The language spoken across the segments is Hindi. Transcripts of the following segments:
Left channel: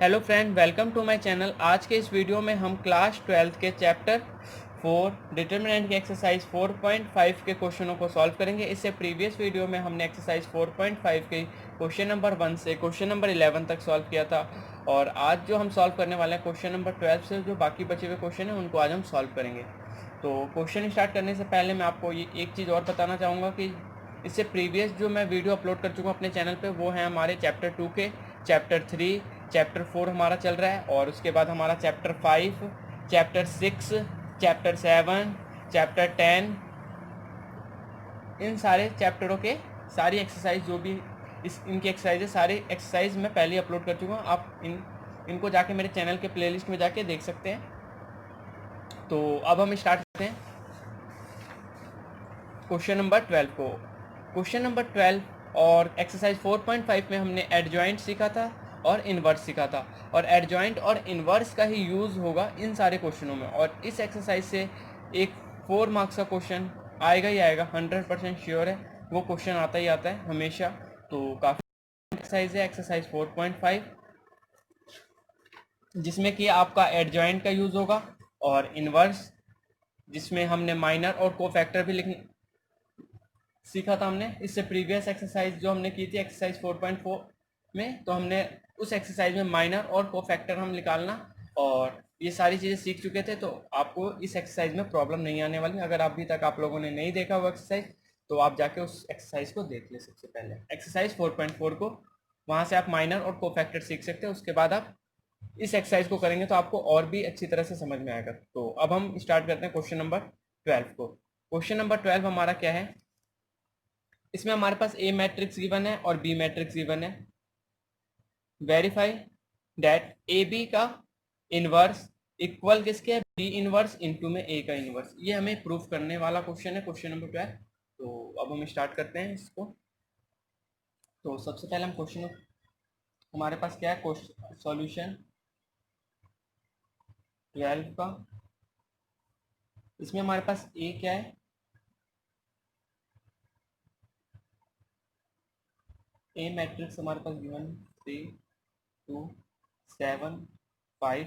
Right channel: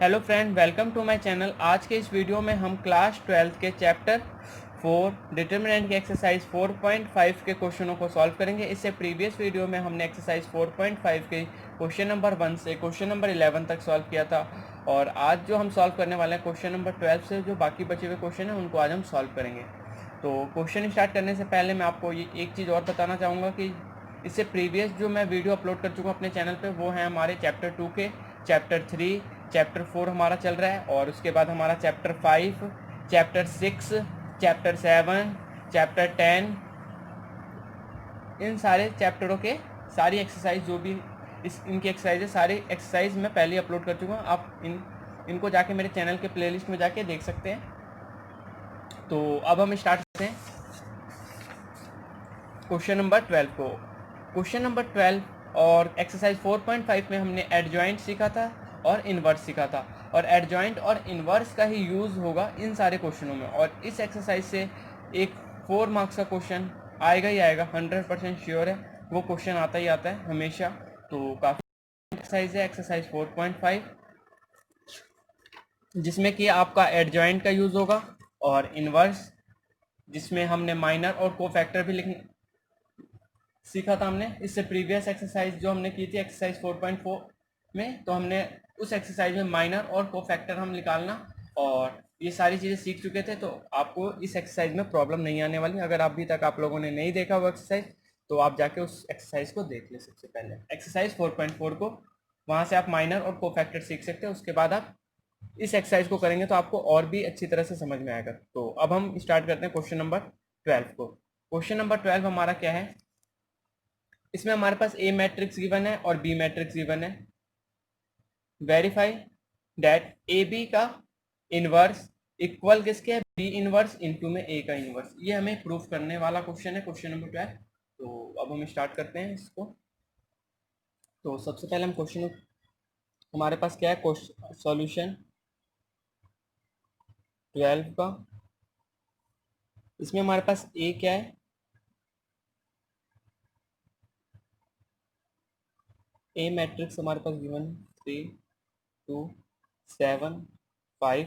Hello friend, welcome to my channel. आज के इस वीडियो में हम क्लास 12 के चैप्टर 4 डिटर्मिनेंट की एक्सरसाइज 4.5 के क्वेश्चनों को सॉल्व करेंगे। इससे प्रीवियस वीडियो में हमने एक्सरसाइज 4.5 के क्वेश्चन नंबर 1 से क्वेश्चन नंबर 11 तक सॉल्व किया था, और आज जो हम सॉल्व करने वाले हैं क्वेश्चन नंबर 12 से जो बाकी बचे हुए क्वेश्चन हैं उनको आज हम सॉल्व करेंगे। तो क्वेश्चन स्टार्ट करने से पहले मैं आपको ये एक चीज़ और बताना चाहूँगा कि इससे प्रीवियस जो मैं वीडियो अपलोड कर चुका हूँ अपने चैनल पे, वो है हमारे चैप्टर 2 के, चैप्टर 3, चैप्टर 4 हमारा चल रहा है, और उसके बाद हमारा चैप्टर 5, चैप्टर 6, चैप्टर 7, चैप्टर 10, इन सारे चैप्टरों के सारी एक्सरसाइज जो भी इनकी एक्सरसाइज है, सारी एक्सरसाइज मैं पहले ही अपलोड कर चुका हूँ। आप इनको जाके मेरे चैनल के प्लेलिस्ट में जाके देख सकते हैं। तो अब हम स्टार्ट करते हैं क्वेश्चन नंबर 12 को। क्वेश्चन नंबर 12 और एक्सरसाइज 4.5 में हमने एडजॉइंट सीखा था और इन्वर्स सीखा था, और एडजॉइंट और इन्वर्स का ही यूज़ होगा इन सारे क्वेश्चनों में। और इस एक्सरसाइज से एक 4 मार्क्स का क्वेश्चन आएगा ही आएगा, 100% श्योर है। वो क्वेश्चन आता ही आता है हमेशा। तो काफ़ी एक्सरसाइज है एक्सरसाइज 4.5, जिसमें कि आपका एडजॉइंट का यूज़ होगा, और इन्वर्स जिसमें हमने माइनर और कोफैक्टर भी लिखने सीखा था हमने। इससे प्रीवियस एक्सरसाइज जो हमने की थी एक्सरसाइज 4.4 में, तो हमने उस एक्सरसाइज में माइनर और कोफैक्टर हम निकालना और ये सारी चीज़ें सीख चुके थे। तो आपको इस एक्सरसाइज में प्रॉब्लम नहीं आने वाली। अगर अभी तक आप लोगों ने नहीं देखा वो एक्सरसाइज, तो आप जाके उस एक्सरसाइज को देख ले। सबसे पहले एक्सरसाइज 4.4 को, वहाँ से आप माइनर और कोफैक्टर सीख सकते हैं। उसके बाद आप इस एक्सरसाइज को करेंगे तो आपको और भी अच्छी तरह से समझ में आएगा। तो अब हम स्टार्ट करते हैं क्वेश्चन नंबर 12 को। क्वेश्चन नंबर 12 हमारा क्या है, इसमें हमारे पास ए मैट्रिक्स गिवन है और बी मैट्रिक्स गिवन है। वेरीफाई दैट ए बी का इनवर्स इक्वल किसके है, बी इनवर्स इनटू में ए का इनवर्स। ये हमें प्रूफ करने वाला क्वेश्चन है, क्वेश्चन नंबर 12। तो अब हम स्टार्ट करते हैं इसको। तो सबसे पहले हम क्वेश्चन, हमारे पास क्या है, क्वेश्चन सॉल्यूशन 12 का। इसमें हमारे पास ए क्या है, ए मैट्रिक्स हमारे पास गिवन 3 2 7 5,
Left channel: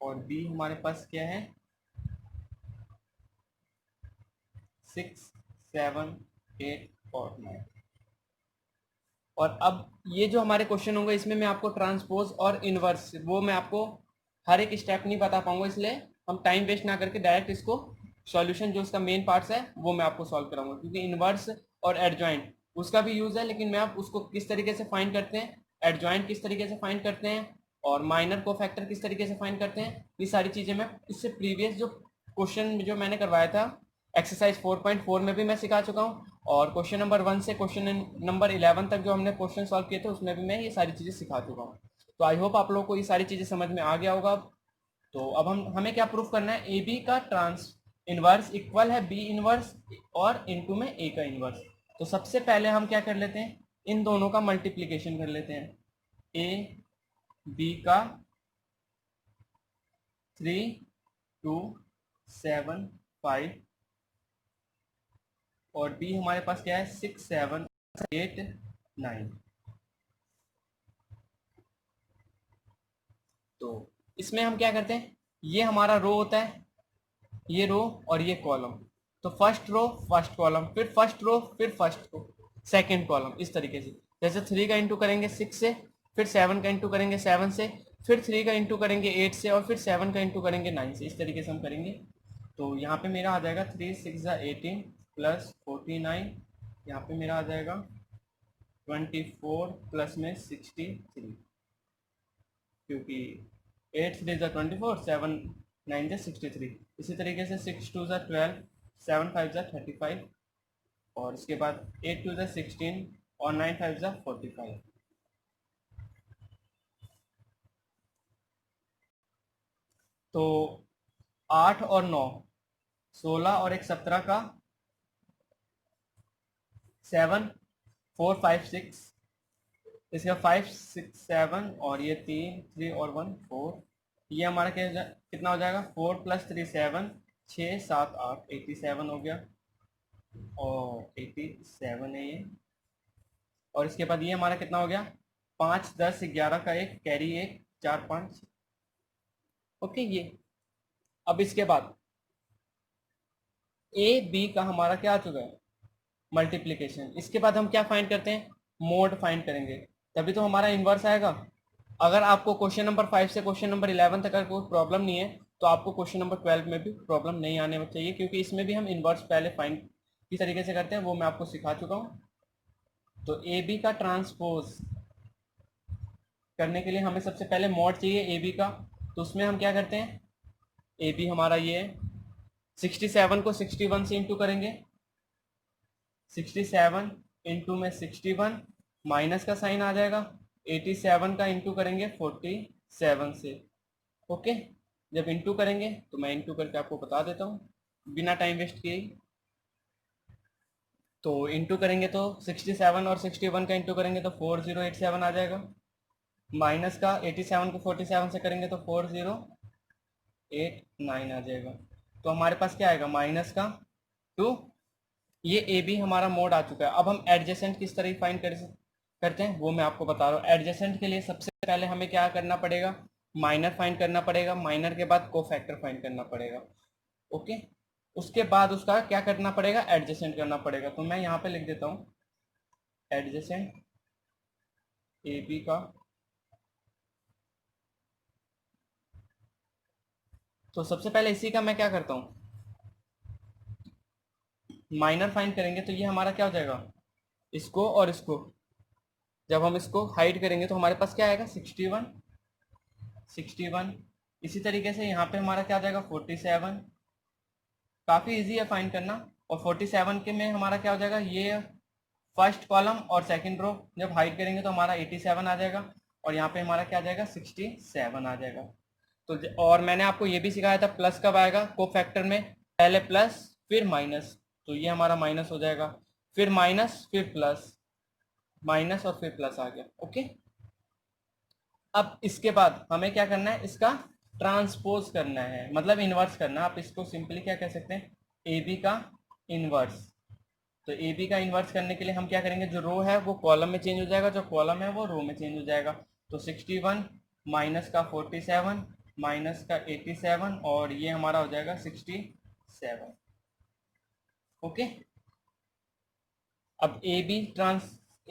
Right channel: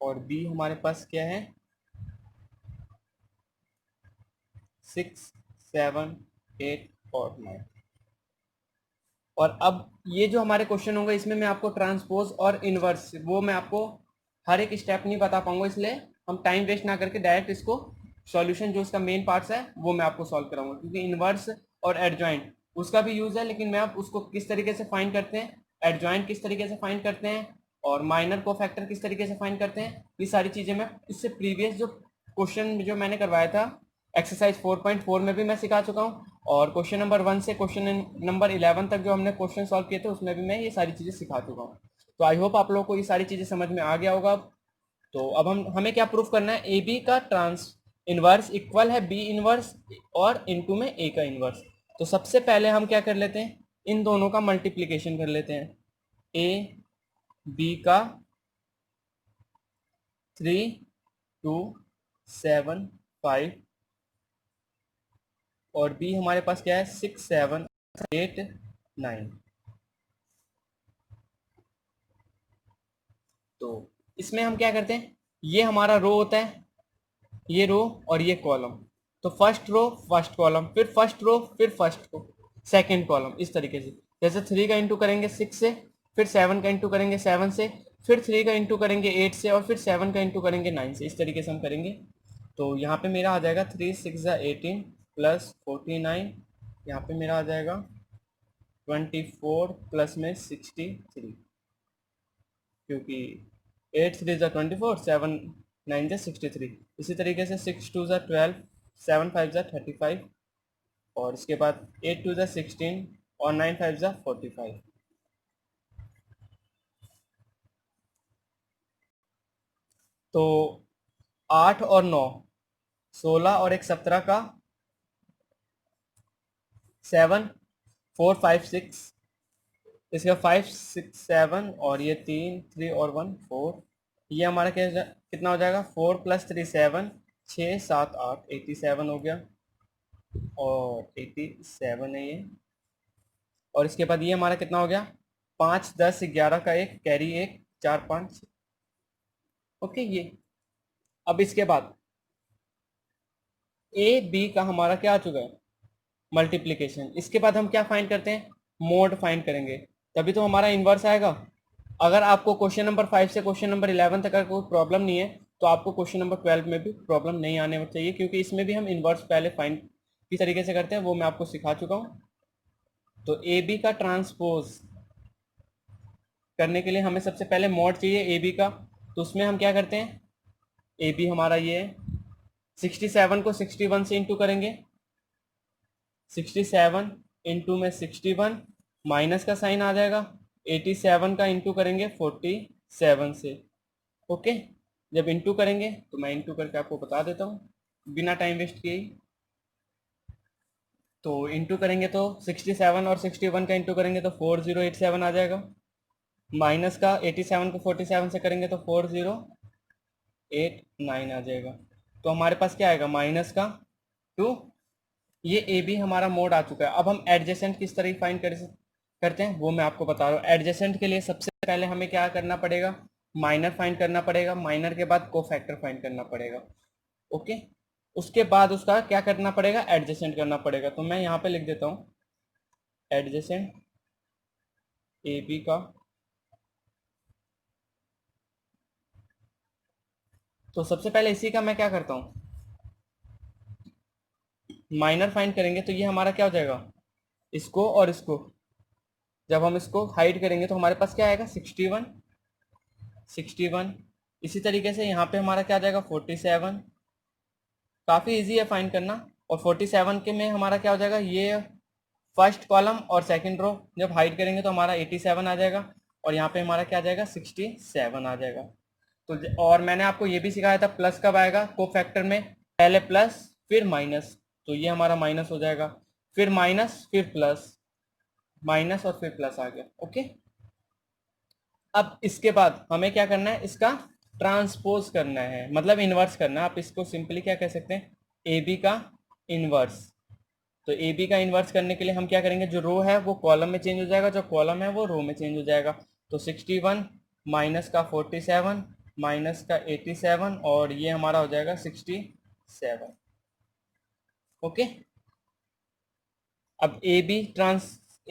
और बी हमारे पास क्या है 6 7 8 और 9। और अब ये जो हमारे क्वेश्चन होंगे, इसमें मैं आपको ट्रांसपोज और इनवर्स, वो मैं आपको हर एक स्टेप नहीं बता पाऊंगा, इसलिए हम टाइम वेस्ट ना करके डायरेक्ट इसको सॉल्यूशन जो इसका मेन पार्ट्स है वो मैं आपको सॉल्व कराऊंगा। क्योंकि इनवर्स और एडजॉइंट उसका भी यूज़ है, लेकिन मैं आप उसको किस तरीके से फाइंड करते हैं, एडजॉइंट किस तरीके से फाइंड करते हैं, और माइनर को फैक्टर किस तरीके से फाइंड करते हैं, ये सारी चीज़ें मैं इससे प्रीवियस जो क्वेश्चन जो मैंने करवाया था एक्सरसाइज 4.4 में भी मैं सिखा चुका हूँ, और क्वेश्चन नंबर 1 से क्वेश्चन नंबर 11 तक जो हमने क्वेश्चन सॉल्व किए थे उसमें भी मैं ये सारी चीज़ें सिखा चुका हूँ। तो आई होप आप लोगों को ये सारी चीज़ें समझ में आ गया होगा। तो अब हमें क्या प्रूफ करना है, ए बी का ट्रांस इनवर्स इक्वल है बी इनवर्स और इनटू में ए का इनवर्स। तो सबसे पहले हम क्या कर लेते हैं, इन दोनों का मल्टीप्लीकेशन कर लेते हैं। ए बी का 3 2 7 5, और बी हमारे पास क्या है 6 7 8 9। तो इसमें हम क्या करते हैं, ये हमारा रो होता है, ये रो और ये कॉलम। तो फर्स्ट रो फर्स्ट कॉलम, फिर फर्स्ट रो फिर फर्स्ट को सेकेंड कॉलम, इस तरीके से। जैसे 3 का इंटू करेंगे 6 से, फिर 7 का इंटू करेंगे 7 से, फिर 3 का इंटू करेंगे 8 से, और फिर 7 का इंटू करेंगे 9 से। इस तरीके से हम करेंगे। तो यहाँ पे मेरा आ जाएगा 3 6 18 प्लस 49, यहाँ पे मेरा आ जाएगा 24 प्लस में 63, क्योंकि 8 3 ज़ा 24, 7 9 ज़ा 63। इसी तरीके से 6 2 ज़ा 12, 7 5 ज़ा 35, और इसके बाद 8 2 ज़ा 16 और 9 5 ज़ा 45। तो 8 और 9 16, और एक 17 का 7 4 5 6, इसका 5 6 7, और ये 3 3 और 1 4। ये हमारा कितना हो जाएगा, 4 प्लस 3 7, 6 7 8 87 हो गया, और 87 है ये। और इसके बाद ये हमारा कितना हो गया 5 10 11 का एक कैरी, एक 4 5। ओके, ये अब इसके बाद ए बी का हमारा क्या आ चुका है, मल्टीप्लिकेशन। इसके बाद हम क्या फाइंड करते हैं, मोड फाइंड करेंगे, तभी तो हमारा इन्वर्स आएगा। अगर आपको क्वेश्चन नंबर 5 से क्वेश्चन नंबर 11 तक अगर कोई प्रॉब्लम नहीं है तो आपको क्वेश्चन नंबर 12 में भी प्रॉब्लम नहीं आने चाहिए, क्योंकि इसमें भी हम इन्वर्स पहले फाइंड किस तरीके से करते हैं वो मैं आपको सिखा चुका हूँ। तो ए बी का ट्रांसपोज करने के लिए हमें सबसे पहले मॉड चाहिए ए बी का। तो उसमें हम क्या करते हैं, ए बी हमारा ये है, 67 को 61 से इंटू करेंगे, 67 इंटू में 61, माइनस का साइन आ जाएगा, 87 का इंटू करेंगे 47 से। ओके, जब इंटू करेंगे तो मैं इंटू करके आपको बता देता हूँ बिना टाइम वेस्ट किए। तो इंटू करेंगे तो 67 और 61 का इंटू करेंगे तो 4087 आ जाएगा, माइनस का 87 को 47 से करेंगे तो 4089 आ जाएगा। तो हमारे पास क्या आएगा, माइनस का 2। ये ए बी हमारा मोड आ चुका है। अब हम एडजेसेंट किस तरह फाइंड करते हैं वो मैं आपको बता रहा हूँ। एडजेसेंट के लिए सबसे पहले हमें क्या करना पड़ेगा, माइनर फाइंड करना पड़ेगा, माइनर के बाद कोफैक्टर फाइंड करना पड़ेगा। ओके, उसके बाद उसका क्या करना पड़ेगा, एडजेसेंट करना पड़ेगा। तो मैं यहाँ पे लिख देता हूँ एडजेसेंट ए बी का। तो सबसे पहले इसी का मैं क्या करता हूँ, माइनर फाइंड करेंगे तो ये हमारा क्या हो जाएगा, इसको और इसको जब हम इसको हाइड करेंगे तो हमारे पास क्या आएगा, 61 61। इसी तरीके से यहाँ पे हमारा क्या आ जाएगा, 47। काफ़ी इजी है फाइंड करना। और 47 के में हमारा क्या हो जाएगा, ये फर्स्ट कॉलम और सेकंड रो जब हाइड करेंगे तो हमारा 87 आ जाएगा, और यहाँ पे हमारा क्या आ जाएगा, 67 आ जाएगा। तो और मैंने आपको ये भी सिखाया था प्लस कब आएगा को फैक्टर में, पहले प्लस फिर माइनस। तो ये हमारा माइनस हो जाएगा, फिर माइनस फिर प्लस, माइनस और फिर प्लस आ गया। ओके, अब इसके बाद हमें क्या करना है, इसका ट्रांसपोज करना है, मतलब इन्वर्स करना है। आप इसको सिंपली क्या कह सकते हैं, ए बी का इन्वर्स। तो ए बी का इन्वर्स करने के लिए हम क्या करेंगे, जो रो है वो कॉलम में चेंज हो जाएगा, जो कॉलम है वो रो में चेंज हो जाएगा। तो 61 माइनस का 47 माइनस का 87 और ये हमारा हो जाएगा 67। ओके, अब ए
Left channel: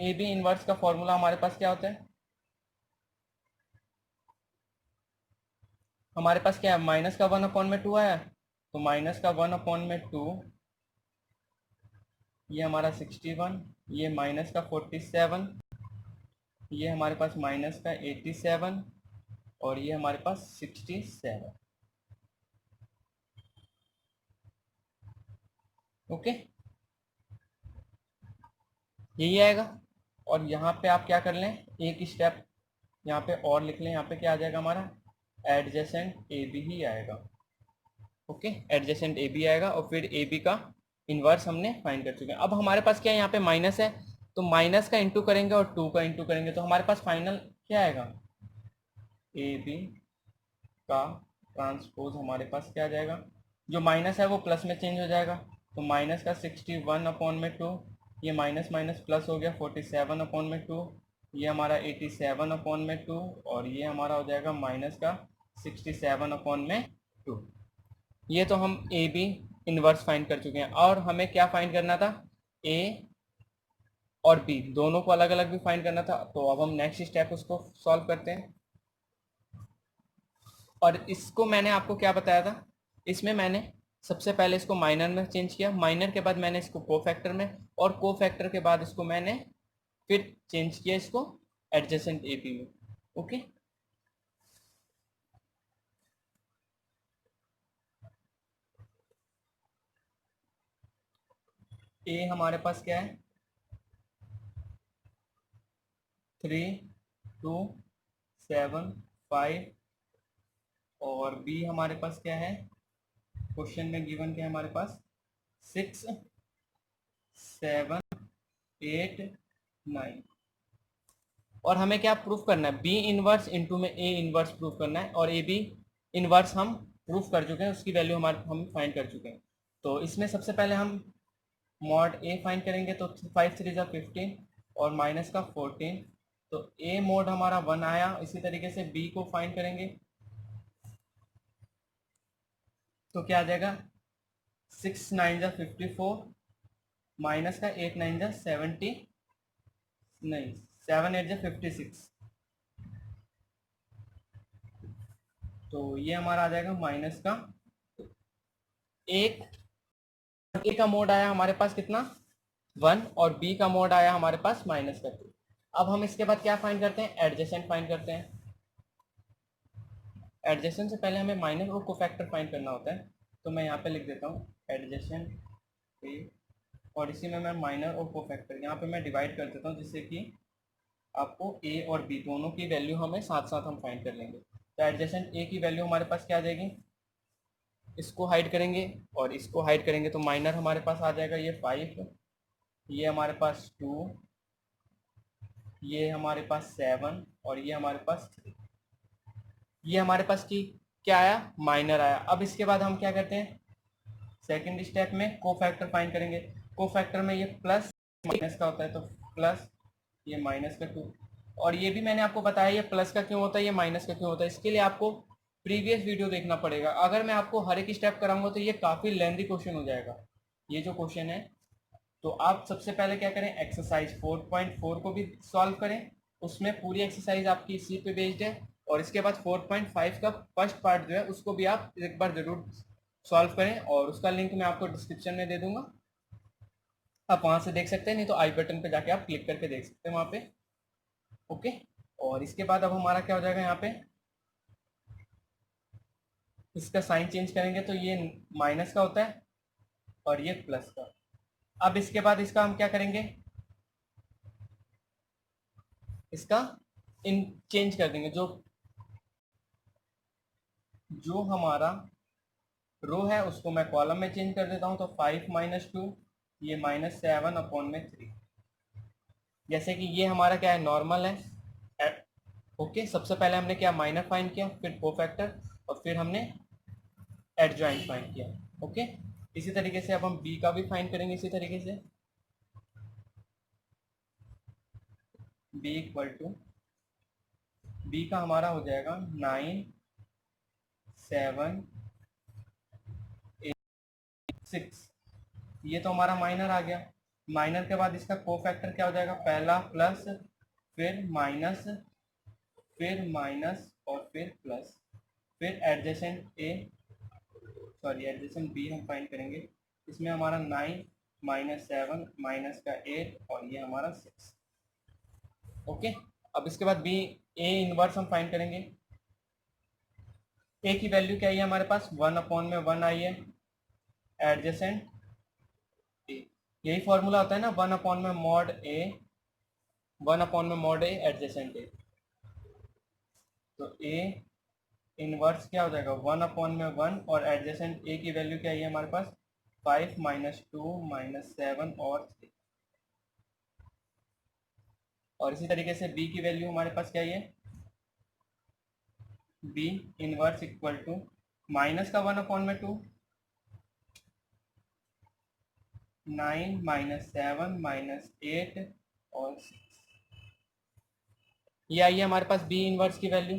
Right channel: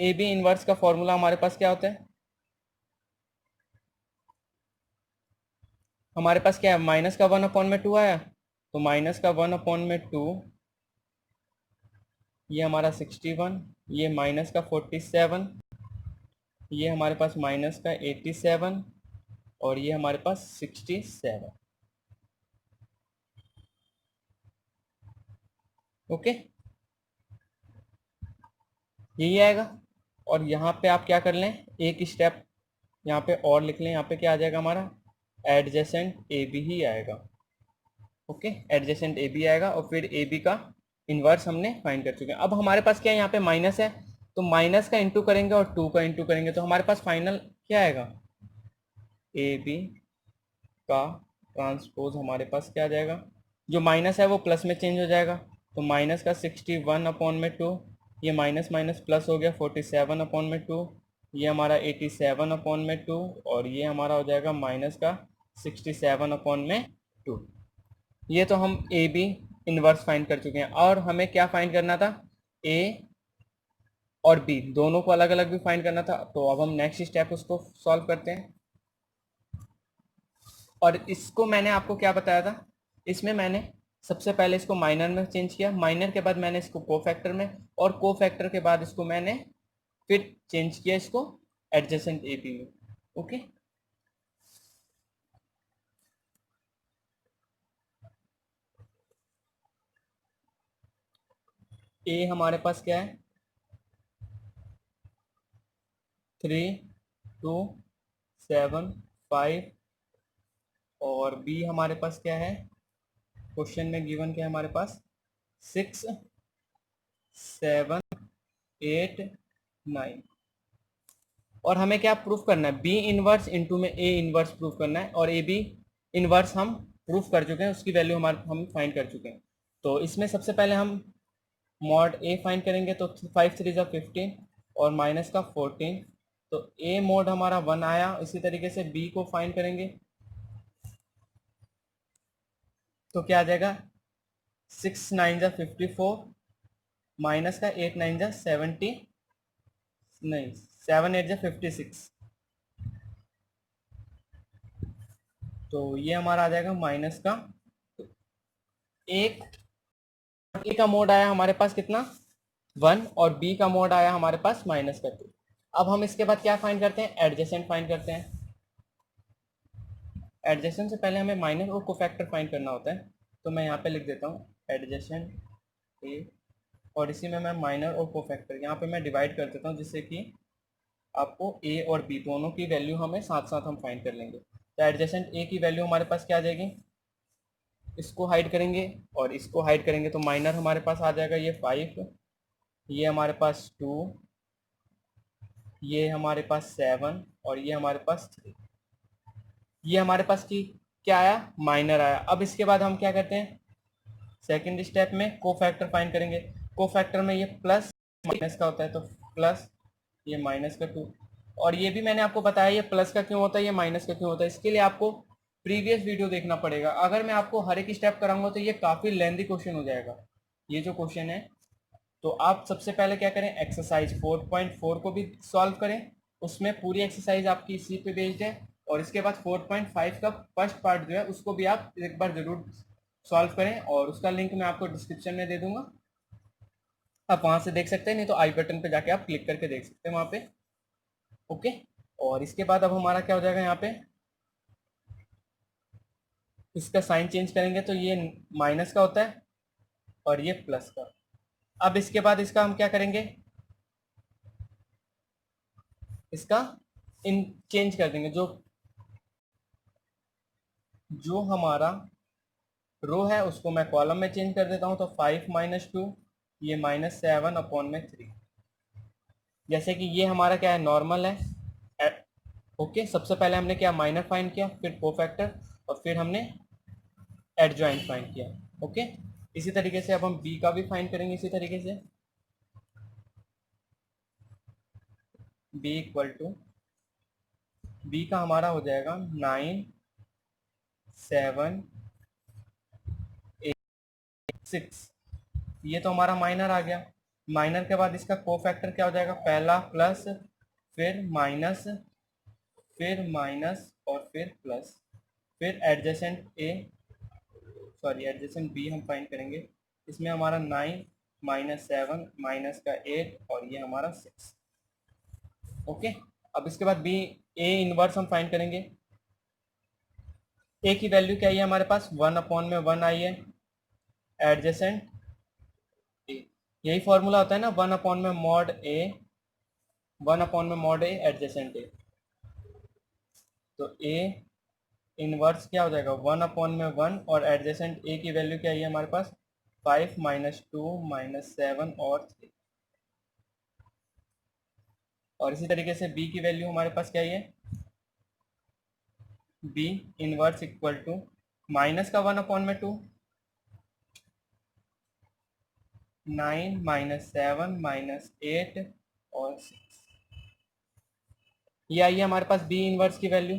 बी इन्वर्स का फॉर्मूला हमारे पास क्या होता है, हमारे पास क्या है, माइनस का 1/2 आया, तो माइनस का 1/2, ये हमारा 61, ये माइनस का 47, ये हमारे पास माइनस का 87 और ये हमारे पास 67। ओके, यही आएगा। और यहाँ पे आप क्या कर लें, एक स्टेप यहाँ पे और लिख लें, यहाँ पे क्या आ जाएगा हमारा, एडजेसेंट ए बी ही आएगा। ओके, एडजेसेंट ए बी आएगा और फिर ए बी का इन्वर्स हमने फाइंड कर चुके हैं। अब हमारे पास क्या है, यहाँ पे माइनस है, तो माइनस का इंटू करेंगे और 2 का इंटू करेंगे तो हमारे पास फाइनल क्या आएगा, ए बी का ट्रांसपोज हमारे पास क्या आ जाएगा, जो माइनस है वो प्लस में चेंज हो जाएगा। तो माइनस का 61/2, ये माइनस माइनस प्लस हो गया 47/2, ये हमारा 87/2 और ये हमारा हो जाएगा माइनस का 67/2। ये तो हम ए बी इन्वर्स फाइंड कर चुके हैं। और हमें क्या फाइंड करना था, ए और बी दोनों को अलग अलग भी फाइंड करना था। तो अब हम नेक्स्ट स्टेप उसको सॉल्व करते हैं। और इसको मैंने आपको क्या बताया था, इसमें मैंने सबसे पहले इसको माइनर में चेंज किया, माइनर के बाद मैंने इसको कोफैक्टर में, और कोफैक्टर के बाद इसको मैंने फिर चेंज किया इसको एडजेसेंट ए बी में। ओके, ए हमारे पास क्या है, 3 2 7 5 और बी हमारे पास क्या है, क्वेश्चन में गिवन क्या है हमारे पास, 6 7 8 9। और हमें क्या प्रूफ करना है, बी इनवर्स इंटू में ए इनवर्स प्रूफ करना है, और ए बी इनवर्स हम प्रूफ कर चुके हैं, उसकी वैल्यू हम फाइंड कर चुके हैं। तो इसमें सबसे पहले हम मॉड ए फाइंड करेंगे, तो 5 3 ज़ा 15 और माइनस का 14, तो ए मोड हमारा 1 आया। इसी तरीके से बी को फाइंड करेंगे तो क्या आ जाएगा, 6 9 जा 54 माइनस का 8 9 जा 70, नहीं 7 8 जा 56, तो ये हमारा आ जाएगा माइनस का एक। ए का मोड आया हमारे पास कितना 1 और बी का मोड आया हमारे पास माइनस का 2। अब हम इसके बाद क्या फाइंड करते हैं, एडजेसेंट फाइंड करते हैं। एडजेसेंट से पहले हमें माइनस और कोफैक्टर फाइंड करना होता है, तो मैं यहाँ पे लिख देता हूँ एडजेसेंट ए, और इसी में मैं माइनर और कोफैक्टर यहाँ पे मैं डिवाइड कर देता हूँ, जिससे कि आपको ए और बी दोनों की वैल्यू हमें साथ साथ हम फाइंड कर लेंगे। तो एडजेसेंट ए की वैल्यू हमारे पास क्या आ जाएगी, इसको हाइड करेंगे और इसको हाइड करेंगे तो माइनर हमारे पास आ जाएगा ये 5, ये हमारे पास 2, ये हमारे पास 7 और ये हमारे पास 3। ये हमारे पास क्या आया, माइनर आया। अब इसके बाद हम क्या करते हैं, सेकंड स्टेप में कोफैक्टर फाइंड करेंगे। कोफैक्टर में ये प्लस माइनस का होता है, तो प्लस ये माइनस का 2, और ये भी मैंने आपको बताया ये प्लस का क्यों होता है, ये माइनस का क्यों होता है। इसके लिए आपको प्रीवियस वीडियो देखना पड़ेगा। अगर मैं आपको हर एक स्टेप कराऊंगा तो ये काफ़ी लेंथी क्वेश्चन हो जाएगा ये जो क्वेश्चन है। तो आप सबसे पहले क्या करें, एक्सरसाइज 4.4 को भी सॉल्व करें, उसमें पूरी एक्सरसाइज आपकी इसी पे बेस्ड है। और इसके बाद 4.5 का फर्स्ट पार्ट जो है उसको भी आप एक बार ज़रूर सॉल्व करें, और उसका लिंक मैं आपको डिस्क्रिप्शन में दे दूंगा, आप वहाँ से देख सकते हैं, नहीं तो आई बटन पे जाके आप क्लिक करके देख सकते हैं वहाँ पे। ओके, और इसके बाद अब हमारा क्या हो जाएगा, यहाँ पे इसका साइन चेंज करेंगे तो ये माइनस का होता है और ये प्लस का। अब इसके बाद इसका हम क्या करेंगे, इसका इन चेंज कर देंगे, जो जो हमारा रो है उसको मैं कॉलम में चेंज कर देता हूँ। तो 5 माइनस 2 ये -7/3। जैसे कि ये हमारा क्या है, नॉर्मल है। ओके, सबसे पहले हमने क्या, माइनर फाइंड किया, फिर कोफैक्टर, और फिर हमने एडजॉइंट फाइंड किया। ओके, इसी तरीके से अब हम बी का भी फाइंड करेंगे। इसी तरीके से बी इक्वल टू, बी का हमारा हो जाएगा 9 7 8 6। ये तो हमारा माइनर आ गया। माइनर के बाद इसका कोफैक्टर क्या हो जाएगा, पहला प्लस, फिर माइनस, फिर माइनस और फिर प्लस, फिर एडजेसेंट ए, सॉरी एडजेसेंट बी हम फाइंड करेंगे। इसमें हमारा 9 -7 माइनस का 8 और ये हमारा 6। ओके, अब इसके बाद बी, ए इनवर्स हम फाइंड करेंगे। ए की वैल्यू क्या आई है हमारे पास, 1/1 आई है। एडजेसेंट ए, यही फॉर्मूला होता है ना, 1/mod ए, 1/mod ए एडजेसेंट ए। तो ए इनवर्स क्या हो जाएगा, 1/1 और एडजेसेंट ए की वैल्यू क्या है हमारे पास, 5 -2 -7 और 3। और इसी तरीके से बी की वैल्यू हमारे पास क्या है, B inverse equal to minus का 1/2 9 -7 -8 और 6। ये आई है हमारे पास बी इनवर्स की वैल्यू।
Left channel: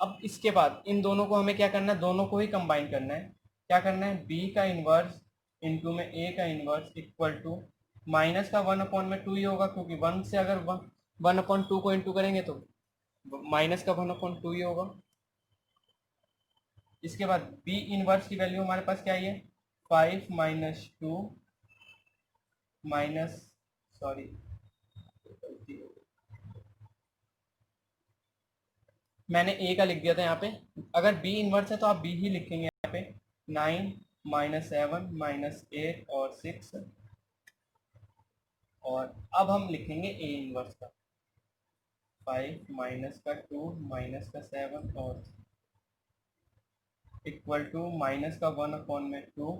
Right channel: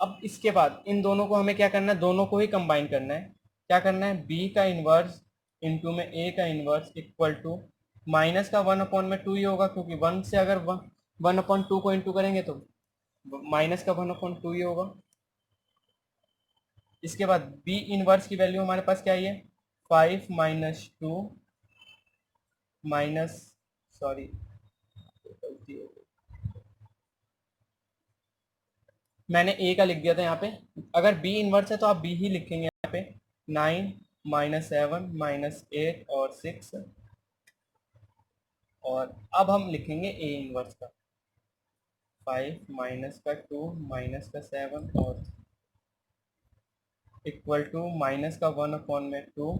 अब इसके बाद इन दोनों को हमें क्या करना है, दोनों को ही कंबाइन करना है। क्या करना है, बी का इनवर्स इंटू में ए का इनवर्स इक्वल टू माइनस का 1/2 ही होगा, क्योंकि 1 से अगर 1/2 को इंटू करेंगे तो माइनस का 1/2 ही होगा। इसके बाद बी इनवर्स की वैल्यू हमारे पास क्या है, 5 -2 माइनस, सॉरी मैंने ए का लिख दिया था यहाँ पे, अगर बी इनवर्स है तो आप बी ही लिखेंगे यहाँ पे। 9 -7 -8 और 6, और अब हम लिखेंगे ए इनवर्स का 5 माइनस का 2 माइनस का 7 और इक्वल टू माइनस का 1/2।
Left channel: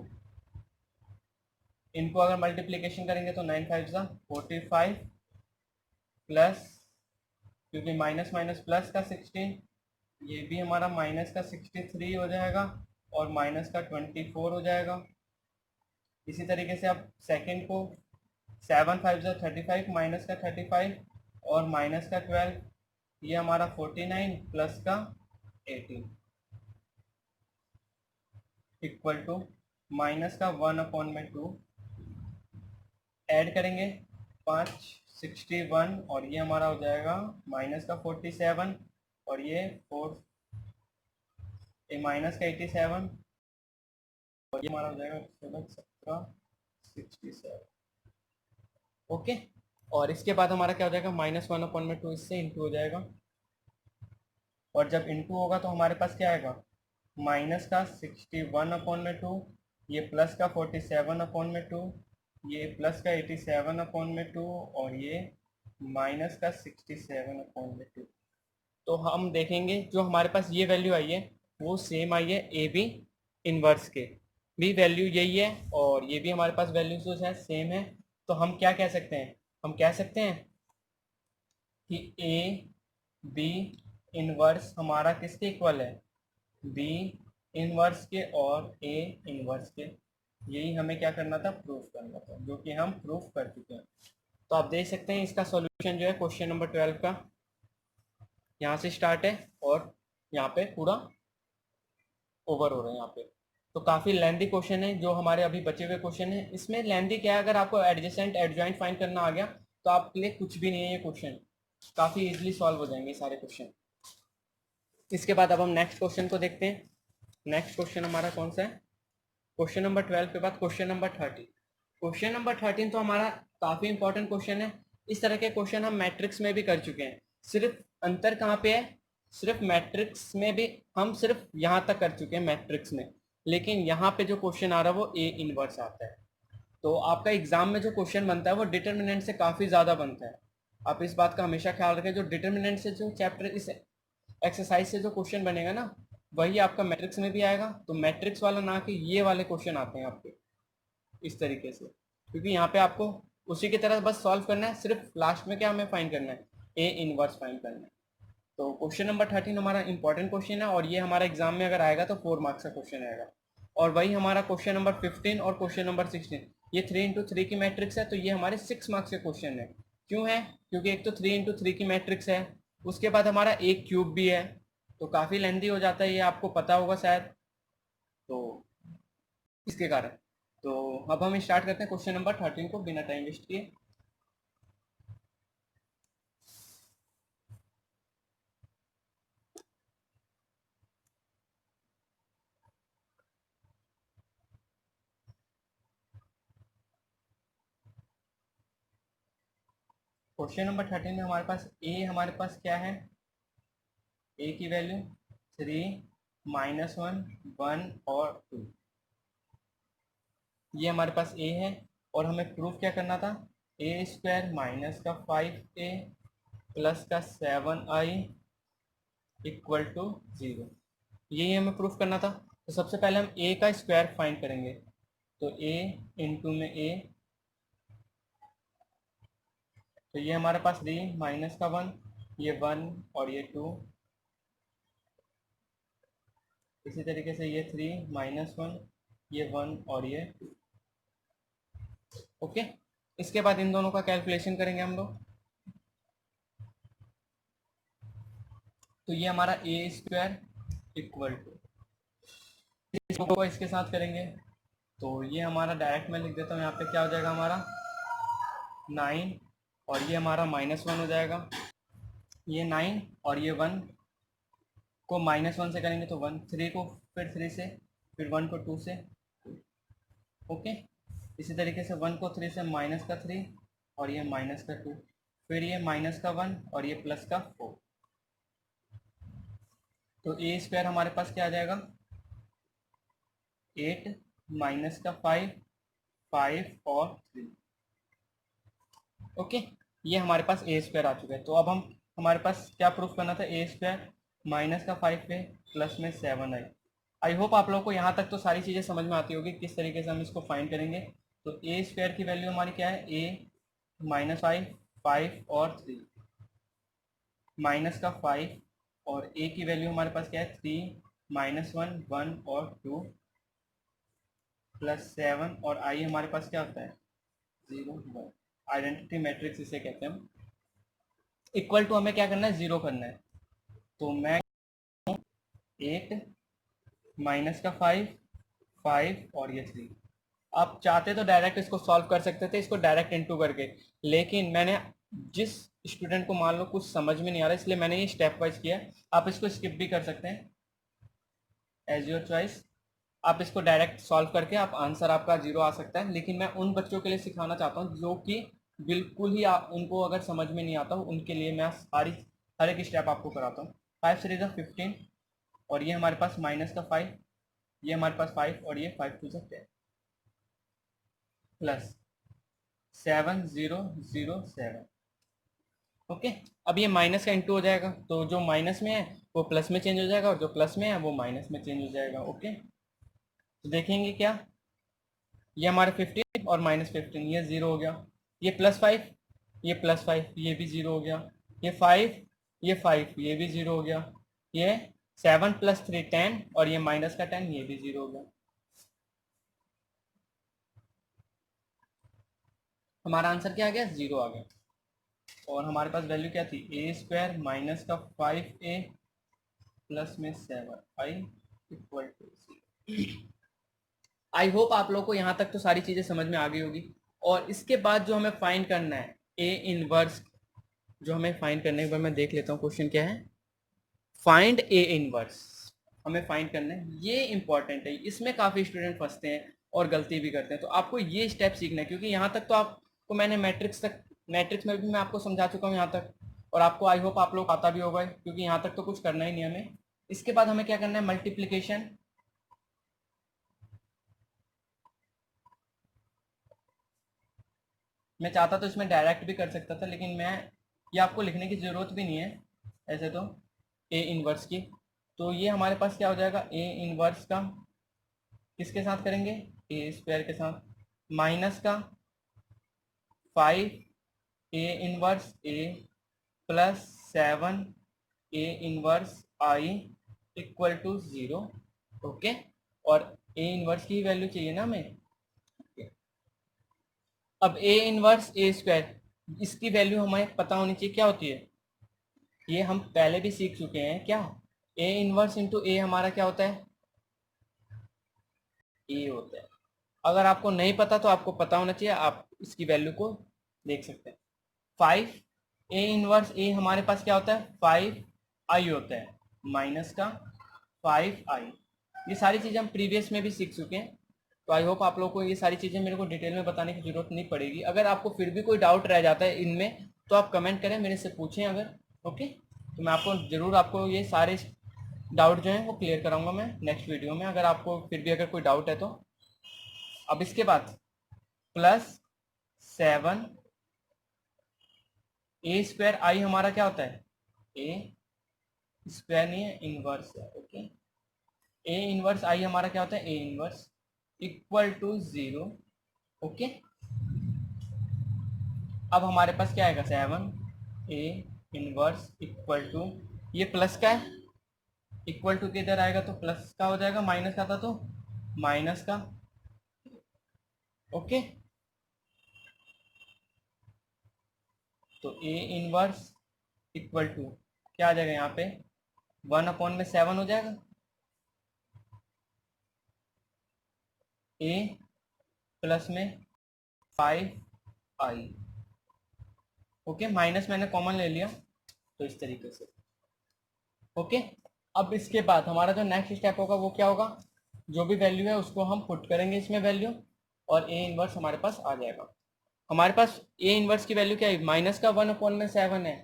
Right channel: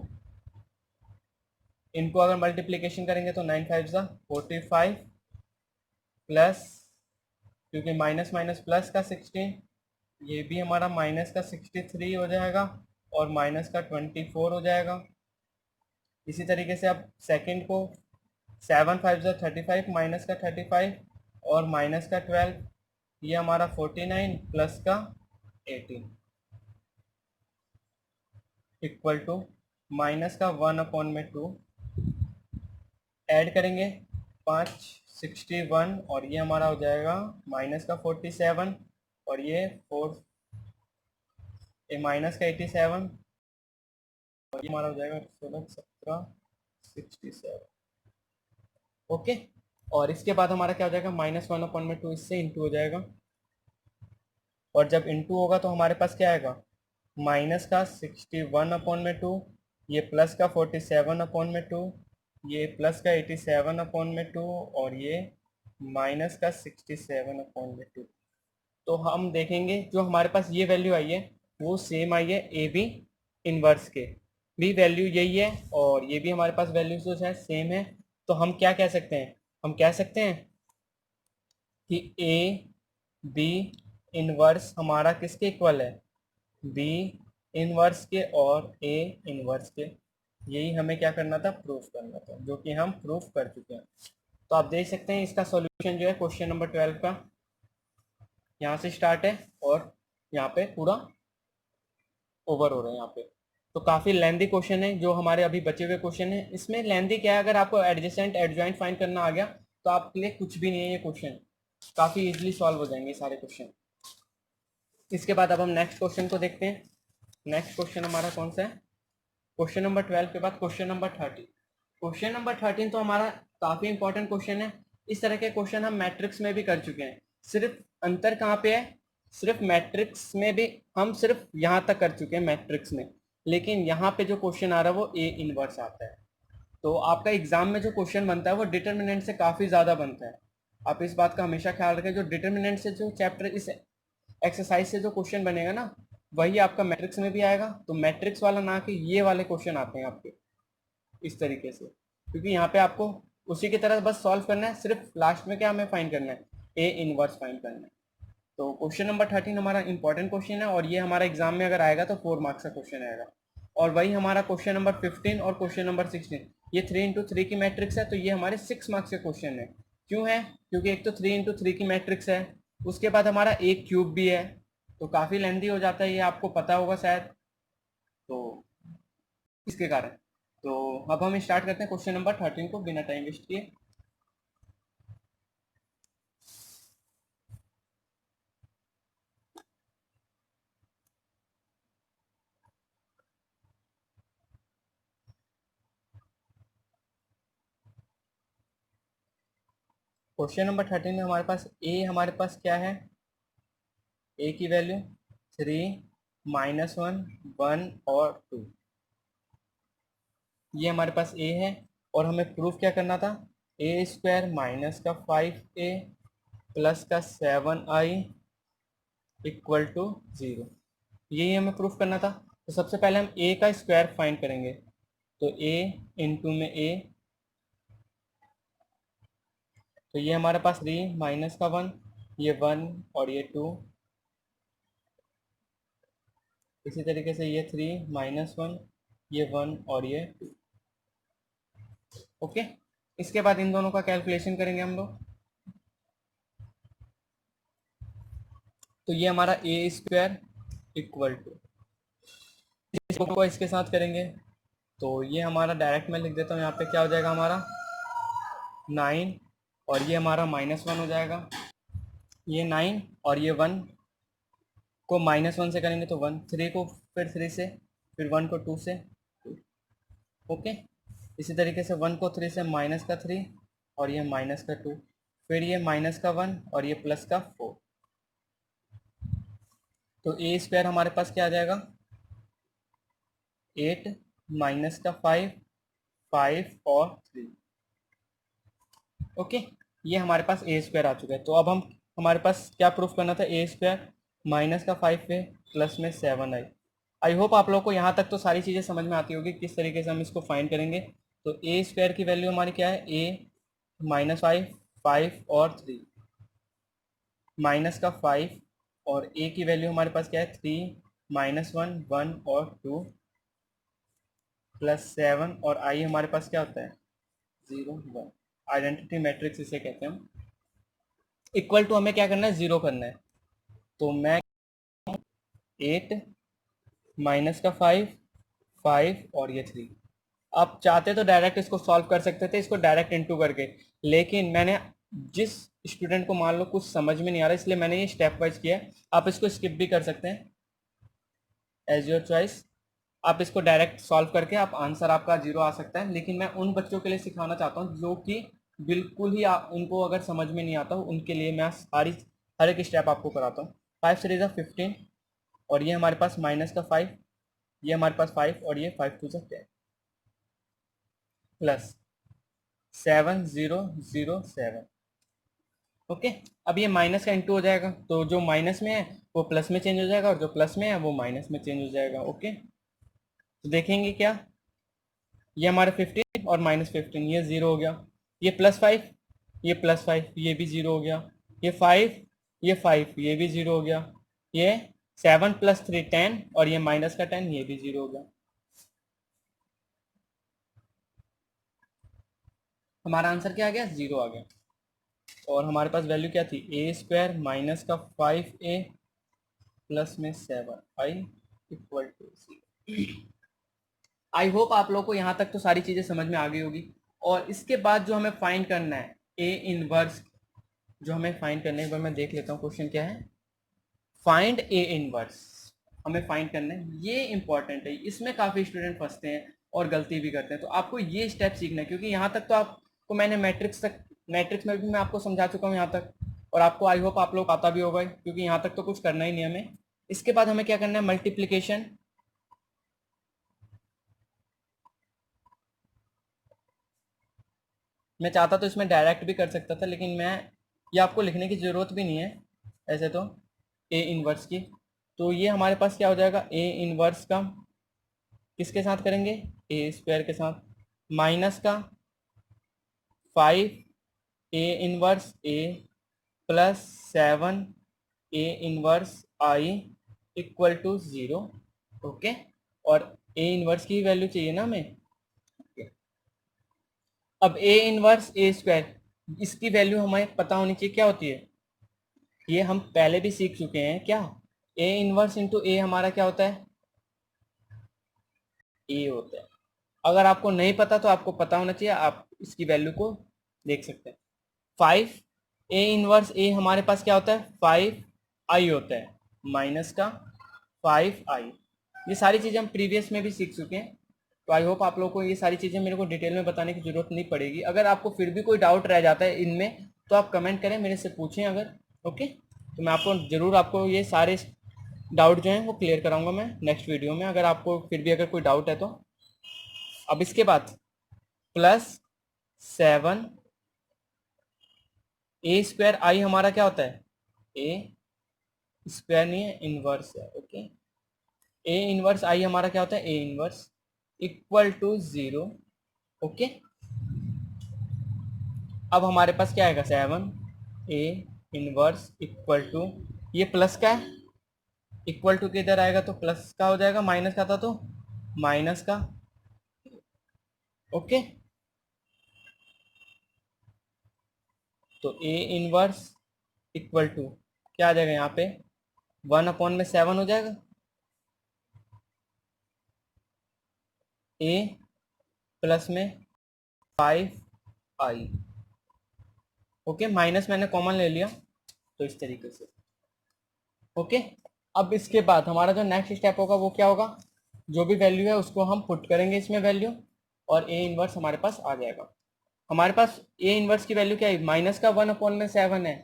इनको अगर मल्टीप्लिकेशन करेंगे तो 9 5 45 प्लस, क्योंकि माइनस माइनस प्लस का 16, ये भी हमारा माइनस का 63 हो जाएगा और माइनस का 24 हो जाएगा। इसी तरीके से आप सेकंड को 7 5 35 माइनस का 35 और माइनस का 12, ये हमारा 49 प्लस का 18 इक्वल टू माइनस का 1/2 ऐड करेंगे 561 और ये हमारा हो जाएगा माइनस का 47 और ये माइनस का 87 और ये हमारा हो जाएगा 67। ओके, और इसके बाद हमारा क्या हो जाएगा -1/2 इससे इंटू हो जाएगा और जब इंटू होगा तो हमारे पास क्या आएगा माइनस का 61/2 ये प्लस का 47/2 ये प्लस का 87/2 और ये माइनस का 67/2। तो हम देखेंगे जो हमारे पास ये वैल्यू आई है वो सेम आई है ए बी इनवर्स के भी वैल्यू यही है और ये भी हमारे पास वैल्यू जो है सेम है। तो हम क्या कह सकते हैं, हम कह सकते हैं कि ए बी इनवर्स हमारा किसके इक्वल है, बी इनवर्स के और ए इनवर्स के। यही हमें क्या करना था, प्रूफ करना था, जो कि हम प्रूफ कर चुके हैं। तो आप देख सकते हैं इसका सॉल्यूशन जो है क्वेश्चन नंबर 12 का यहाँ से स्टार्ट है और यहाँ पे पूरा ओवर हो रहा है यहाँ पे। तो काफ़ी लेंदी क्वेश्चन है जो हमारे अभी बचे हुए क्वेश्चन है। इसमें लेंदी क्या है, अगर आपको एडजेसेंट एडजॉइंट फाइंड करना आ गया तो आपके लिए कुछ भी नहीं है ये क्वेश्चन, काफ़ी इजीली सॉल्व हो जाएंगे सारे क्वेश्चन। इसके बाद अब हम नेक्स्ट क्वेश्चन को देखते हैं। नेक्स्ट क्वेश्चन हमारा कौन सा है, क्वेश्चन नंबर 12 के बाद क्वेश्चन नंबर 13। क्वेश्चन नंबर 13 तो हमारा काफ़ी इंपॉर्टेंट क्वेश्चन है। इस तरह के क्वेश्चन हम मैट्रिक्स में भी कर चुके हैं, सिर्फ अंतर कहाँ पे है, सिर्फ मैट्रिक्स में भी हम सिर्फ यहाँ तक कर चुके हैं मैट्रिक्स में, लेकिन यहाँ पे जो क्वेश्चन आ रहा है वो ए इनवर्स आता है। तो आपका एग्जाम में जो क्वेश्चन बनता है वो डिटर्मिनेंट से काफ़ी ज़्यादा बनता है। आप इस बात का हमेशा ख्याल रखें, जो डिटर्मिनेंट से जो चैप्टर इस एक्सरसाइज से जो क्वेश्चन बनेगा ना वही आपका मैट्रिक्स में भी आएगा। तो मैट्रिक्स वाला ना कि ये वाले क्वेश्चन आते हैं आपके इस तरीके से, क्योंकि यहाँ पे आपको उसी की तरह बस सॉल्व करना है, सिर्फ लास्ट में क्या हमें फाइंड करना है, ए इनवर्स फाइंड करना है। तो क्वेश्चन नंबर 13 हमारा इंपॉर्टेंट क्वेश्चन है और ये हमारा एग्जाम में अगर आएगा तो 4 मार्क्स का क्वेश्चन आएगा। और वही हमारा क्वेश्चन नंबर 15 और क्वेश्चन नंबर 16 ये 3x3 की मैट्रिक्स है, तो ये हमारे 6 मार्क्स के क्वेश्चन है। क्यों है, क्योंकि एक तो 3x3 की मैट्रिक्स है, उसके बाद हमारा एक क्यूब भी है, तो काफ़ी लेंदी हो जाता है, ये आपको पता होगा शायद, तो इसके कारण। तो अब हम स्टार्ट करते हैं क्वेश्चन नंबर 13 को बिना टाइम वेस्ट किए। क्वेश्चन नंबर 13 में हमारे पास क्या है, ए की वैल्यू 3 -1 1 और 2, ये हमारे पास ए है और हमें प्रूफ क्या करना था, A² माइनस का 5A प्लस का 7I इक्वल टू 0, यही हमें प्रूफ करना था। तो सबसे पहले हम ए का स्क्वायर फाइंड करेंगे, तो a इंटू में a, तो ये हमारे पास 3 माइनस का 1 ये 1 और ये 2, इसी तरीके से ये 3 -1 ये 1 और ये 2। ओके, इसके बाद इन दोनों का कैलकुलेशन करेंगे हम लोग, तो ये हमारा A² इक्वल टू, इसको इसके साथ करेंगे तो ये हमारा डायरेक्ट मैं लिख देता हूँ यहाँ पे, क्या हो जाएगा हमारा 9 और ये हमारा -1 हो जाएगा, ये 9 और ये 1 को -1 से करेंगे तो 1, 3 को फिर 3 से, फिर 1 को 2 से, ओके। इसी तरीके से 1 को 3 से माइनस का 3 और ये माइनस का 2, फिर ये माइनस का 1 और ये प्लस का 4। तो A² हमारे पास क्या आ जाएगा 8 माइनस का 5 5 और 3, ओके। ये हमारे पास A² आ चुका है। तो अब हमारे पास क्या प्रूफ करना था, A² माइनस का 5A प्लस में 7I। आई होप आप लोग को यहाँ तक तो सारी चीज़ें समझ में आती होगी किस तरीके से हम इसको फाइंड करेंगे। तो A² की वैल्यू हमारी क्या है, A -5 5 और 3 माइनस का 5 और A की वैल्यू हमारे पास क्या है 3 -1 1 और 2 प्लस 7 और I हमारे पास क्या होता है 0 1, आइडेंटिटी मैट्रिक्स इसे कहते हैं हम। इक्वल टू हमें क्या करना है, 0 करना है। तो मैं 8 माइनस का 5, 5 और ये 3। आप चाहते तो डायरेक्ट इसको सॉल्व कर सकते थे, इसको डायरेक्ट इनटू करके, लेकिन मैंने जिस स्टूडेंट को मान लो कुछ समझ में नहीं आ रहा इसलिए मैंने ये स्टेप वाइज किया है। आप इसको स्किप भी कर सकते हैं, एज योर चॉइस। आप इसको डायरेक्ट सॉल्व करके आप आंसर आपका 0 आ सकता है, लेकिन मैं उन बच्चों के लिए सिखाना चाहता हूँ जो कि बिल्कुल ही उनको अगर समझ में नहीं आता हो, उनके लिए मैं हर एक स्टेप आपको कराता हूँ। 5 सीरीज ऑफ 15 और ये हमारे पास माइनस का 5, ये हमारे पास 5 और ये 5 टू 10 प्लस 7007। ओके, अब ये माइनस का इंटू हो जाएगा, तो जो माइनस में है वो प्लस में चेंज हो जाएगा और जो प्लस में है वो माइनस में चेंज हो जाएगा। ओके, तो देखेंगे क्या, ये हमारे 15 और -15 ये 0 हो गया, ये +5, ये +5 ये भी 0 हो गया, ये 5, ये 5 ये भी 0 हो गया, ये 7 + 3 10 और ये माइनस का 10 ये भी 0 हो गया। हमारा आंसर क्या आ गया, 0 आ गया। और हमारे पास वैल्यू क्या थी, a² माइनस का 5a प्लस में 7i equal to 0। I hope आप लोग को यहाँ तक तो सारी चीज़ें समझ में आ गई होगी। और इसके बाद जो हमें फाइंड करना है ए इनवर्स, जो हमें फाइंड करने के बाद मैं देख लेता हूँ क्वेश्चन क्या है। फाइंड ए इनवर्स हमें फाइंड करना है, ये इंपॉर्टेंट है, इसमें काफ़ी स्टूडेंट फंसते हैं और गलती भी करते हैं। तो आपको ये स्टेप सीखना है, क्योंकि यहाँ तक तो आपको मैंने मैट्रिक्स में भी मैं आपको समझा चुका हूँ यहाँ तक, और आपको आई होप आप लोग आता भी होगा, क्योंकि यहाँ तक तो कुछ करना ही नहीं हमें। इसके बाद हमें क्या करना है, मल्टीप्लीकेशन। मैं चाहता तो इसमें डायरेक्ट भी कर सकता था, लेकिन मैं ये आपको लिखने की ज़रूरत भी नहीं है ऐसे तो, ए इनवर्स की। तो ये हमारे पास क्या हो जाएगा, ए इनवर्स का किसके साथ करेंगे, a² के साथ, माइनस का 5 A inverse A plus 7 A inverse I equal to 0। Okay, और ए इनवर्स की वैल्यू चाहिए ना हमें। अब ए इनवर्स a², इसकी वैल्यू हमें पता होनी चाहिए क्या होती है, ये हम पहले भी सीख चुके हैं क्या। ए इनवर्स इंटू ए हमारा क्या होता है, ए होता है। अगर आपको नहीं पता तो आपको पता होना चाहिए, आप इसकी वैल्यू को देख सकते हैं। 5 ए इनवर्स ए हमारे पास क्या होता है, 5i होता है, माइनस का 5i। ये सारी चीज़ें हम प्रीवियस में भी सीख चुके हैं, तो आई होप आप लोगों को ये सारी चीज़ें मेरे को डिटेल में बताने की ज़रूरत नहीं पड़ेगी। अगर आपको फिर भी कोई डाउट रह जाता है इनमें तो आप कमेंट करें, मेरे से पूछें अगर। ओके, तो मैं आपको ज़रूर आपको ये सारे डाउट जो हैं वो क्लियर कराऊंगा मैं नेक्स्ट वीडियो में, अगर आपको फिर भी अगर कोई डाउट है तो। अब इसके बाद +7 a² आई हमारा क्या होता है, a² नहीं है, इनवर्स है। ओके, ए इनवर्स आई हमारा क्या होता है, A inverse equal to 0। Okay, अब हमारे पास क्या आएगा, 7 ए इनवर्स इक्वल टू, ये प्लस का है, इक्वल टू के इधर आएगा तो प्लस का हो जाएगा, माइनस का था तो माइनस का। ओके, तो ए इनवर्स इक्वल टू क्या आ जाएगा यहाँ पे, 1/7 हो जाएगा, ए प्लस में 5i। ओके, माइनस मैंने कॉमन ले लिया तो इस तरीके से। ओके, अब इसके बाद हमारा जो नेक्स्ट स्टेप होगा वो क्या होगा, जो भी वैल्यू है उसको हम पुट करेंगे इसमें वैल्यू, और ए इनवर्स हमारे पास आ जाएगा। हमारे पास ए इनवर्स की वैल्यू क्या है, माइनस का 1/7 है।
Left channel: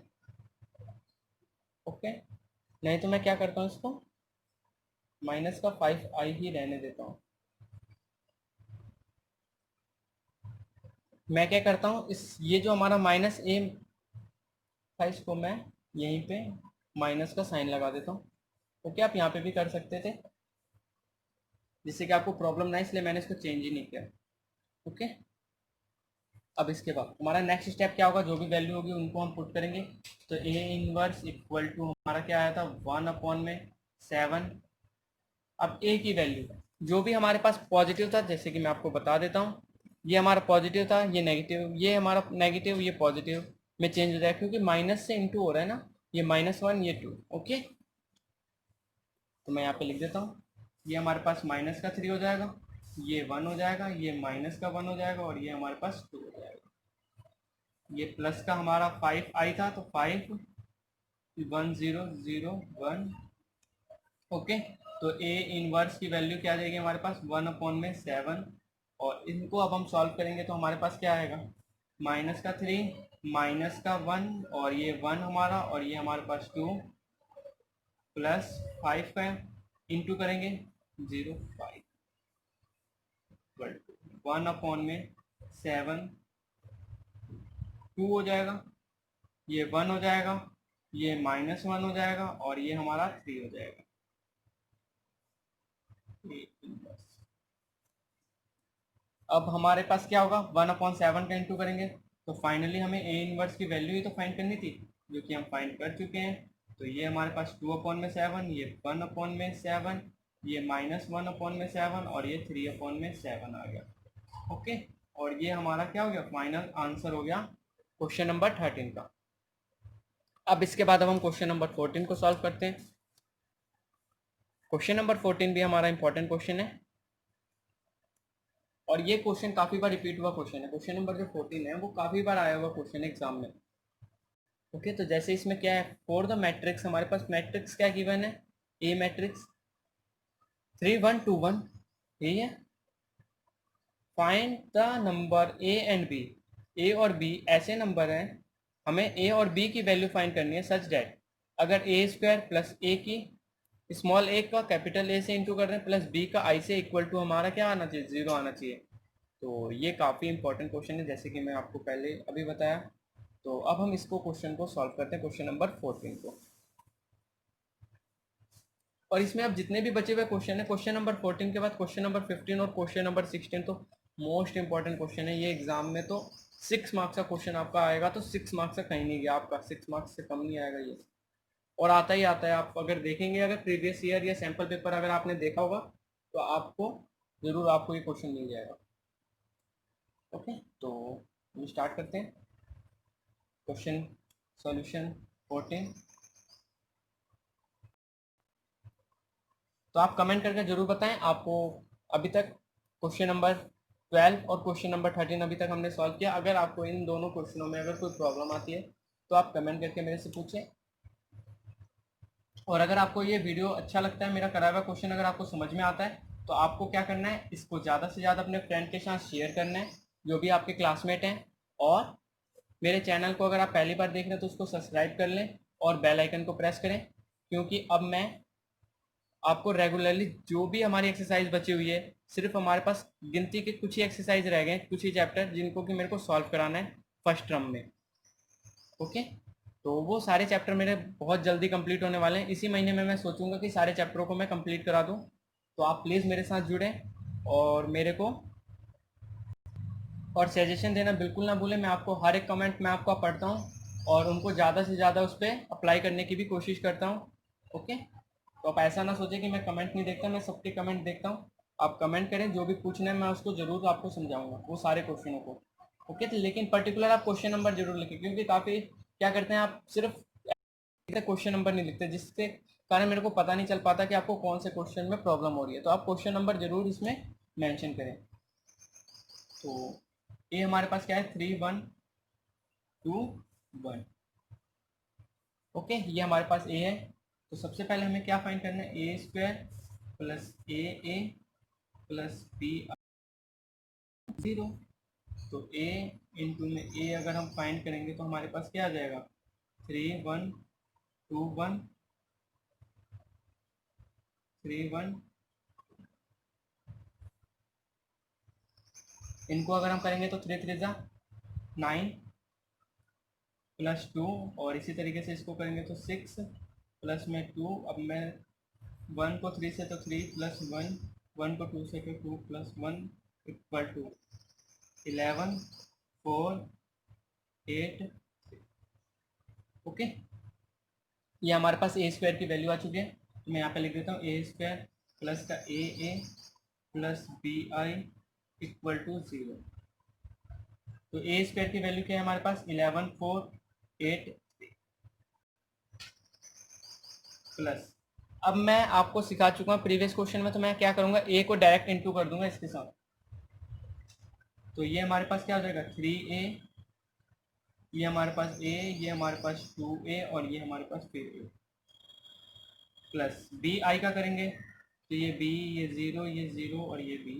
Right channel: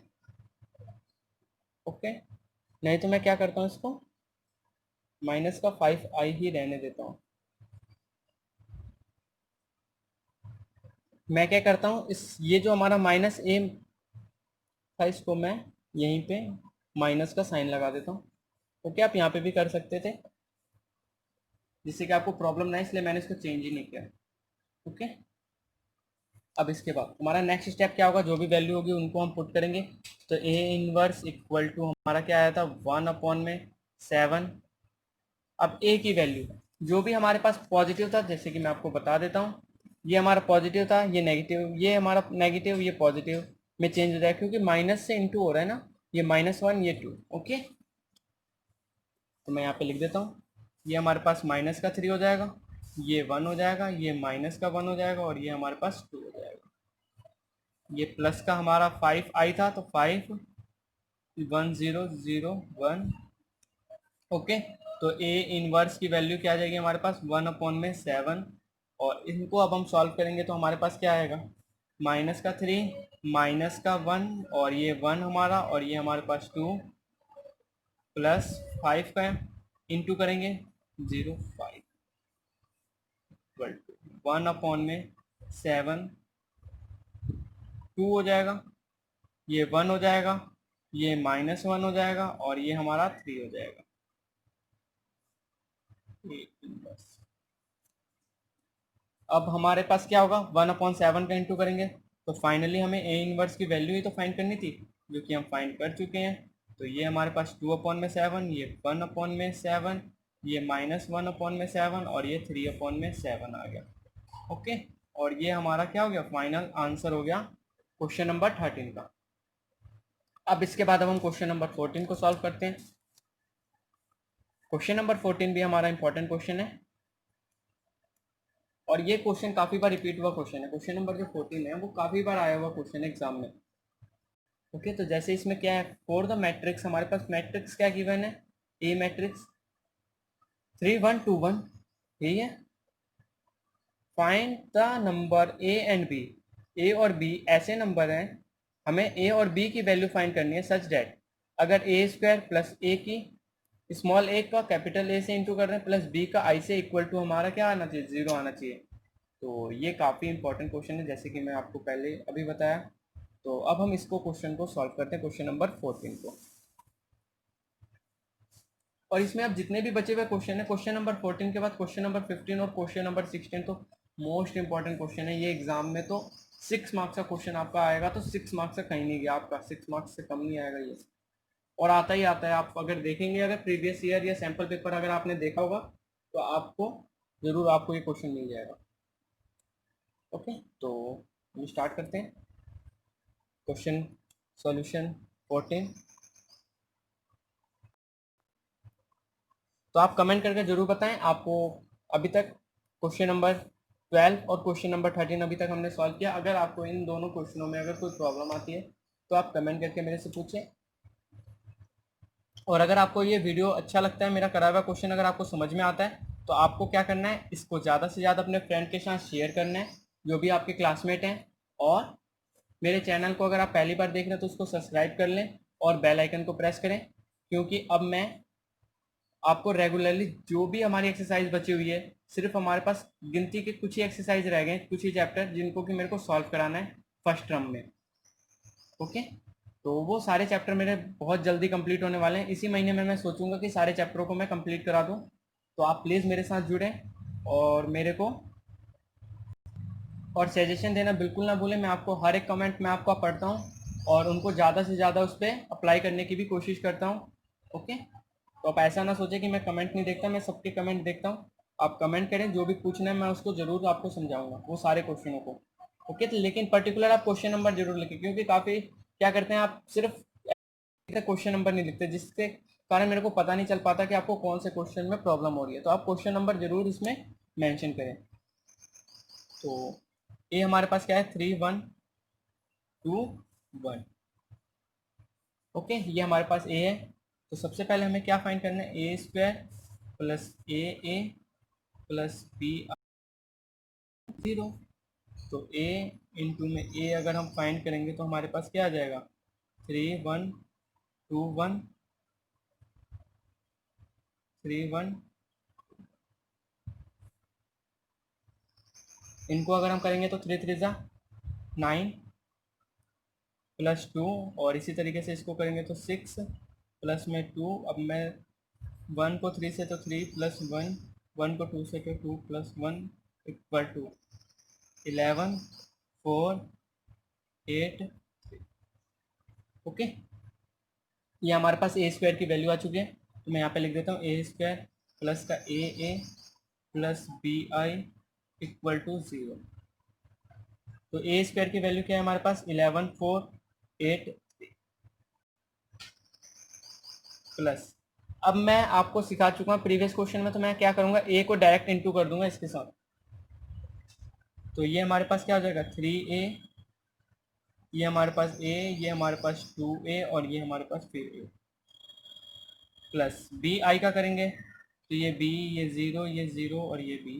ओके, नहीं तो मैं क्या करता हूँ, इसको माइनस का 5i ही रहने देता हूँ। मैं क्या करता हूँ, इस ये जो हमारा माइनस ए था इसको मैं यहीं पे माइनस का साइन लगा देता हूँ। ओके, आप यहाँ पे भी कर सकते थे, जिससे कि आपको प्रॉब्लम ना, इसलिए मैंने इसको चेंज ही नहीं किया। ओके, अब इसके बाद हमारा नेक्स्ट स्टेप क्या होगा, जो भी वैल्यू होगी उनको हम पुट करेंगे। तो ए इनवर्स इक्वल टू हमारा क्या आया था, 1/7। अब ए की वैल्यू जो भी हमारे पास पॉजिटिव था, जैसे कि मैं आपको बता देता हूँ, ये हमारा पॉजिटिव था, ये नेगेटिव, ये हमारा नेगेटिव, ये पॉजिटिव, में चेंज हो जाएगा, क्योंकि माइनस से इंटू हो रहा है ना, ये -1 ये 2। ओके, तो मैं यहाँ पे लिख देता हूँ, ये हमारे पास माइनस का 3 हो जाएगा, ये 1 हो जाएगा, ये माइनस का 1 हो जाएगा, और ये हमारे पास 2 हो जाएगा। ये प्लस का हमारा 5 आई था, तो 5 1 0 0 1। ओके, तो ए इनवर्स की वैल्यू क्या आ जाएगी हमारे पास 1/7। और इनको अब हम सॉल्व करेंगे तो हमारे पास क्या आएगा, माइनस का 3 माइनस का 1, और ये 1 हमारा, और ये हमारे पास 2 प्लस 5 का इंटू करेंगे 0.5 इक्वल टू 1/7 2 हो जाएगा, ये 1 हो जाएगा, ये -1 हो जाएगा, और ये हमारा 3 हो जाएगा। अब हमारे पास क्या होगा, 1/7 का इंटू करेंगे, तो फाइनली हमें ए इनवर्स की वैल्यू ही तो फाइंड करनी थी, जो कि हम फाइंड कर चुके हैं। तो ये हमारे पास 2/7, ये 1/7, ये -1/7, और ये 3/7 आ गया। ओके, और ये हमारा क्या हो गया, फाइनल आंसर हो गया क्वेश्चन नंबर 13 का। अब इसके बाद अब हम क्वेश्चन नंबर 14 को सॉल्व करते हैं। क्वेश्चन नंबर 14 भी हमारा इंपॉर्टेंट क्वेश्चन है, और ये क्वेश्चन काफ़ी बार रिपीट हुआ क्वेश्चन है। क्वेश्चन नंबर जो 14 है वो काफ़ी बार आया हुआ क्वेश्चन है एग्जाम में। ओके, तो जैसे इसमें क्या है, फॉर द मैट्रिक्स, हमारे पास मैट्रिक्स क्या गिवन है, ए मैट्रिक्स 3 1 2 1, ठीक है। Find the number A and B, A और बी ऐसे नंबर हैं, हमें ए और बी की वैल्यू फाइंड करनी है सच डैट अगर ए स्क्वायर प्लस ए की स्मॉल ए का कैपिटल ए से इंटू कर रहे हैं प्लस बी का आई से इक्वल टू हमारा क्या आना चाहिए, 0 आना चाहिए। तो ये काफ़ी इंपॉर्टेंट क्वेश्चन है, जैसे कि मैं आपको पहले अभी बताया। तो अब हम इसको क्वेश्चन को सॉल्व करते हैं, क्वेश्चन नंबर 14 को। और इसमें अब जितने भी बचे हुए क्वेश्चन है, क्वेश्चन नंबर 14 के बाद क्वेश्चन नंबर 15 और क्वेश्चन नंबर 16 तो मोस्ट इंपॉर्टेंट क्वेश्चन है। ये एग्जाम में तो 6 मार्क्स का क्वेश्चन आपका आएगा, तो 6 मार्क्स से कहीं नहीं गया आपका, 6 मार्क्स से कम नहीं आएगा ये, और आता ही आता है। आप अगर देखेंगे, अगर प्रीवियस ईयर या सैम्पल पेपर अगर आपने देखा होगा तो आपको ज़रूर आपको ये क्वेश्चन मिल जाएगा। ओके, तो हम स्टार्ट करते हैं क्वेश्चन सॉल्यूशन 14। तो आप कमेंट करके ज़रूर बताएं आपको अभी तक क्वेश्चन नंबर 12 और क्वेश्चन नंबर 13 अभी तक हमने सॉल्व किया। अगर आपको इन दोनों क्वेश्चनों में अगर कोई प्रॉब्लम आती है तो आप कमेंट करके मेरे से पूछें। और अगर आपको ये वीडियो अच्छा लगता है, मेरा करा हुआ क्वेश्चन अगर आपको समझ में आता है, तो आपको क्या करना है, इसको ज़्यादा से ज़्यादा अपने फ्रेंड के साथ शेयर करना है जो भी आपके क्लासमेट हैं। और मेरे चैनल को अगर आप पहली बार देख रहे हैं तो उसको सब्सक्राइब कर लें और बेल आइकन को प्रेस करें, क्योंकि अब मैं आपको रेगुलरली जो भी हमारी एक्सरसाइज बची हुई है, सिर्फ हमारे पास गिनती के कुछ ही एक्सरसाइज रह गए, कुछ ही चैप्टर जिनको कि मेरे को सॉल्व कराना है फर्स्ट टर्म में। ओके, तो वो सारे चैप्टर मेरे बहुत जल्दी कंप्लीट होने वाले हैं। इसी महीने में मैं सोचूंगा कि सारे चैप्टरों को मैं कंप्लीट करा दूं। तो आप प्लीज़ मेरे साथ जुड़ें और मेरे को और सजेशन देना बिल्कुल ना भूलें। मैं आपको हर एक कमेंट में आपका पढ़ता हूँ और उनको ज़्यादा से ज़्यादा उस पर अप्लाई करने की भी कोशिश करता हूँ। ओके, तो आप ऐसा ना सोचें कि मैं कमेंट नहीं देखता, मैं सबके कमेंट देखता हूँ। आप कमेंट करें, जो भी पूछना है मैं उसको ज़रूर आपको समझाऊंगा, वो सारे क्वेश्चनों को। ओके, तो लेकिन पर्टिकुलर आप क्वेश्चन नंबर जरूर लिखें, क्योंकि काफ़ी क्या करते हैं आप सिर्फ क्वेश्चन नंबर नहीं लिखते, जिसके कारण मेरे को पता नहीं चल पाता कि आपको कौन से क्वेश्चन में प्रॉब्लम हो रही है। तो आप क्वेश्चन नंबर जरूर इसमें मेंशन करें। तो ये हमारे पास क्या है, 3 1 2 1। ओके, ये हमारे पास ए है। तो सबसे पहले हमें क्या फाइंड करना है, ए square plus A plus B 0। तो ए इंटू में ए अगर हम फाइंड करेंगे तो हमारे पास क्या आ जाएगा, 3 1 2 1 3 1। इनको अगर हम करेंगे तो 3 3 9 प्लस 2, और इसी तरीके से इसको करेंगे तो 6 प्लस में 2। अब मैं 1 को 3 से तो 3 प्लस 1, 1 को 2 से तो 2 प्लस 1 इक्वल टू 11 4 8। ओके, ये हमारे पास ए स्क्वायर की वैल्यू आ चुकी है। तो मैं यहाँ पे लिख देता हूँ ए स्क्वायर प्लस का A plus B i equal to 0। तो ए स्क्वायर की वैल्यू क्या है हमारे पास, 11 4 8 प्लस, अब मैं आपको सिखा चुका हूँ प्रीवियस क्वेश्चन में, तो मैं क्या करूँगा, ए को डायरेक्ट इनटू कर दूंगा इसके साथ। तो ये हमारे पास क्या हो जाएगा 3a, ये हमारे पास a, ये हमारे पास 2a और ये हमारे पास फिर a प्लस बी आई का करेंगे, तो ये b, ये 0, ये 0 और ये b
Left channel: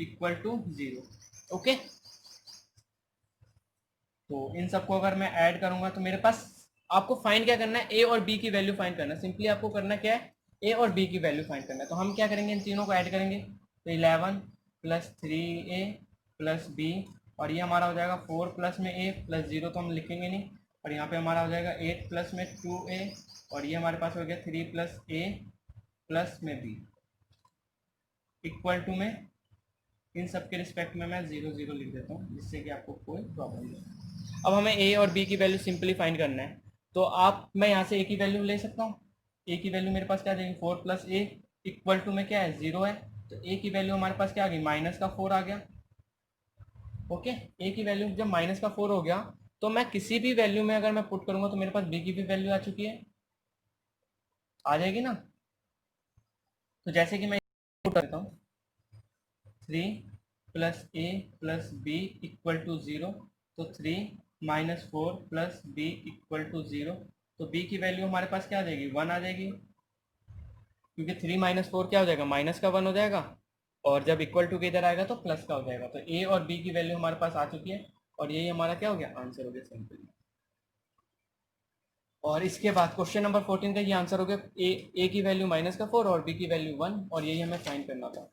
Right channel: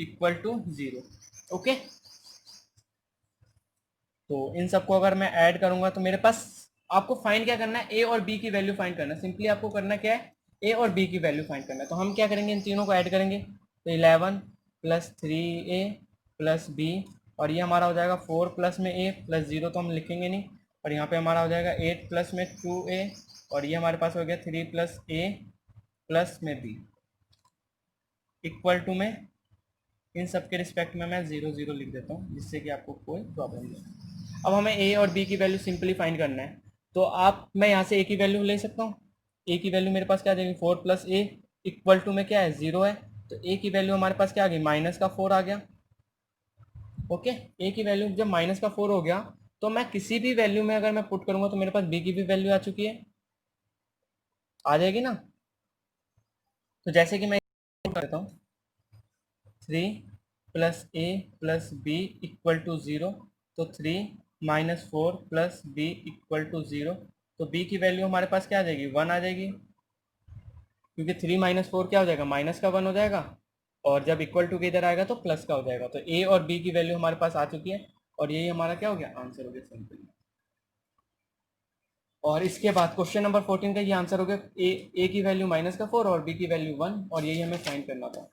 इक्वल टू 0। ओके, तो इन सबको अगर मैं ऐड करूंगा तो मेरे पास, आपको फाइंड क्या करना है, ए और बी की वैल्यू फाइंड करना है। सिंपली आपको करना क्या है, ए और बी की वैल्यू फाइंड करना है। तो हम क्या करेंगे, इन तीनों को ऐड करेंगे, तो 11 प्लस 3a प्लस बी, और ये हमारा हो जाएगा 4 प्लस में a प्लस 0 तो हम लिखेंगे नहीं, और यहाँ पे हमारा हो जाएगा 8 प्लस में 2a, और ये हमारे पास हो गया 3 प्लस a प्लस में b इक्वल टू में, इन सब के रिस्पेक्ट में मैं 0 0 लिख देता हूँ जिससे कि आपको कोई प्रॉब्लम नहीं हो। अब हमें ए और बी की वैल्यू सिंपली फाइंड करना है, तो आप, मैं यहाँ से ए की वैल्यू ले सकता हूँ। ए की वैल्यू मेरे पास क्या आ जाएगी, 4 प्लस ए इक्वल टू में क्या है 0 है, तो ए की वैल्यू हमारे पास क्या आ गई, माइनस का 4 आ गया। ओके, ए की वैल्यू जब माइनस का 4 हो गया, तो मैं किसी भी वैल्यू में अगर मैं पुट करूंगा तो मेरे पास बी की भी वैल्यू आ चुकी है, आ जाएगी ना। तो जैसे कि मैं पुट करता हूँ 3 plus A plus B equal to 0, तो 3 minus 4 plus B equal to 0, तो बी की वैल्यू हमारे पास क्या आ जाएगी, 1 आ जाएगी, क्योंकि 3 माइनस 4 क्या हो जाएगा, माइनस का 1 हो जाएगा, और जब इक्वल टू के इधर आएगा तो प्लस का हो जाएगा। तो ए और बी की वैल्यू हमारे पास आ चुकी है, और यही हमारा क्या हो गया, आंसर हो गया सिंपली। और इसके बाद क्वेश्चन नंबर 14 का ये आंसर हो गया, ए की वैल्यू माइनस का 4 और बी की वैल्यू 1, और यही हमें फाइंड करना था।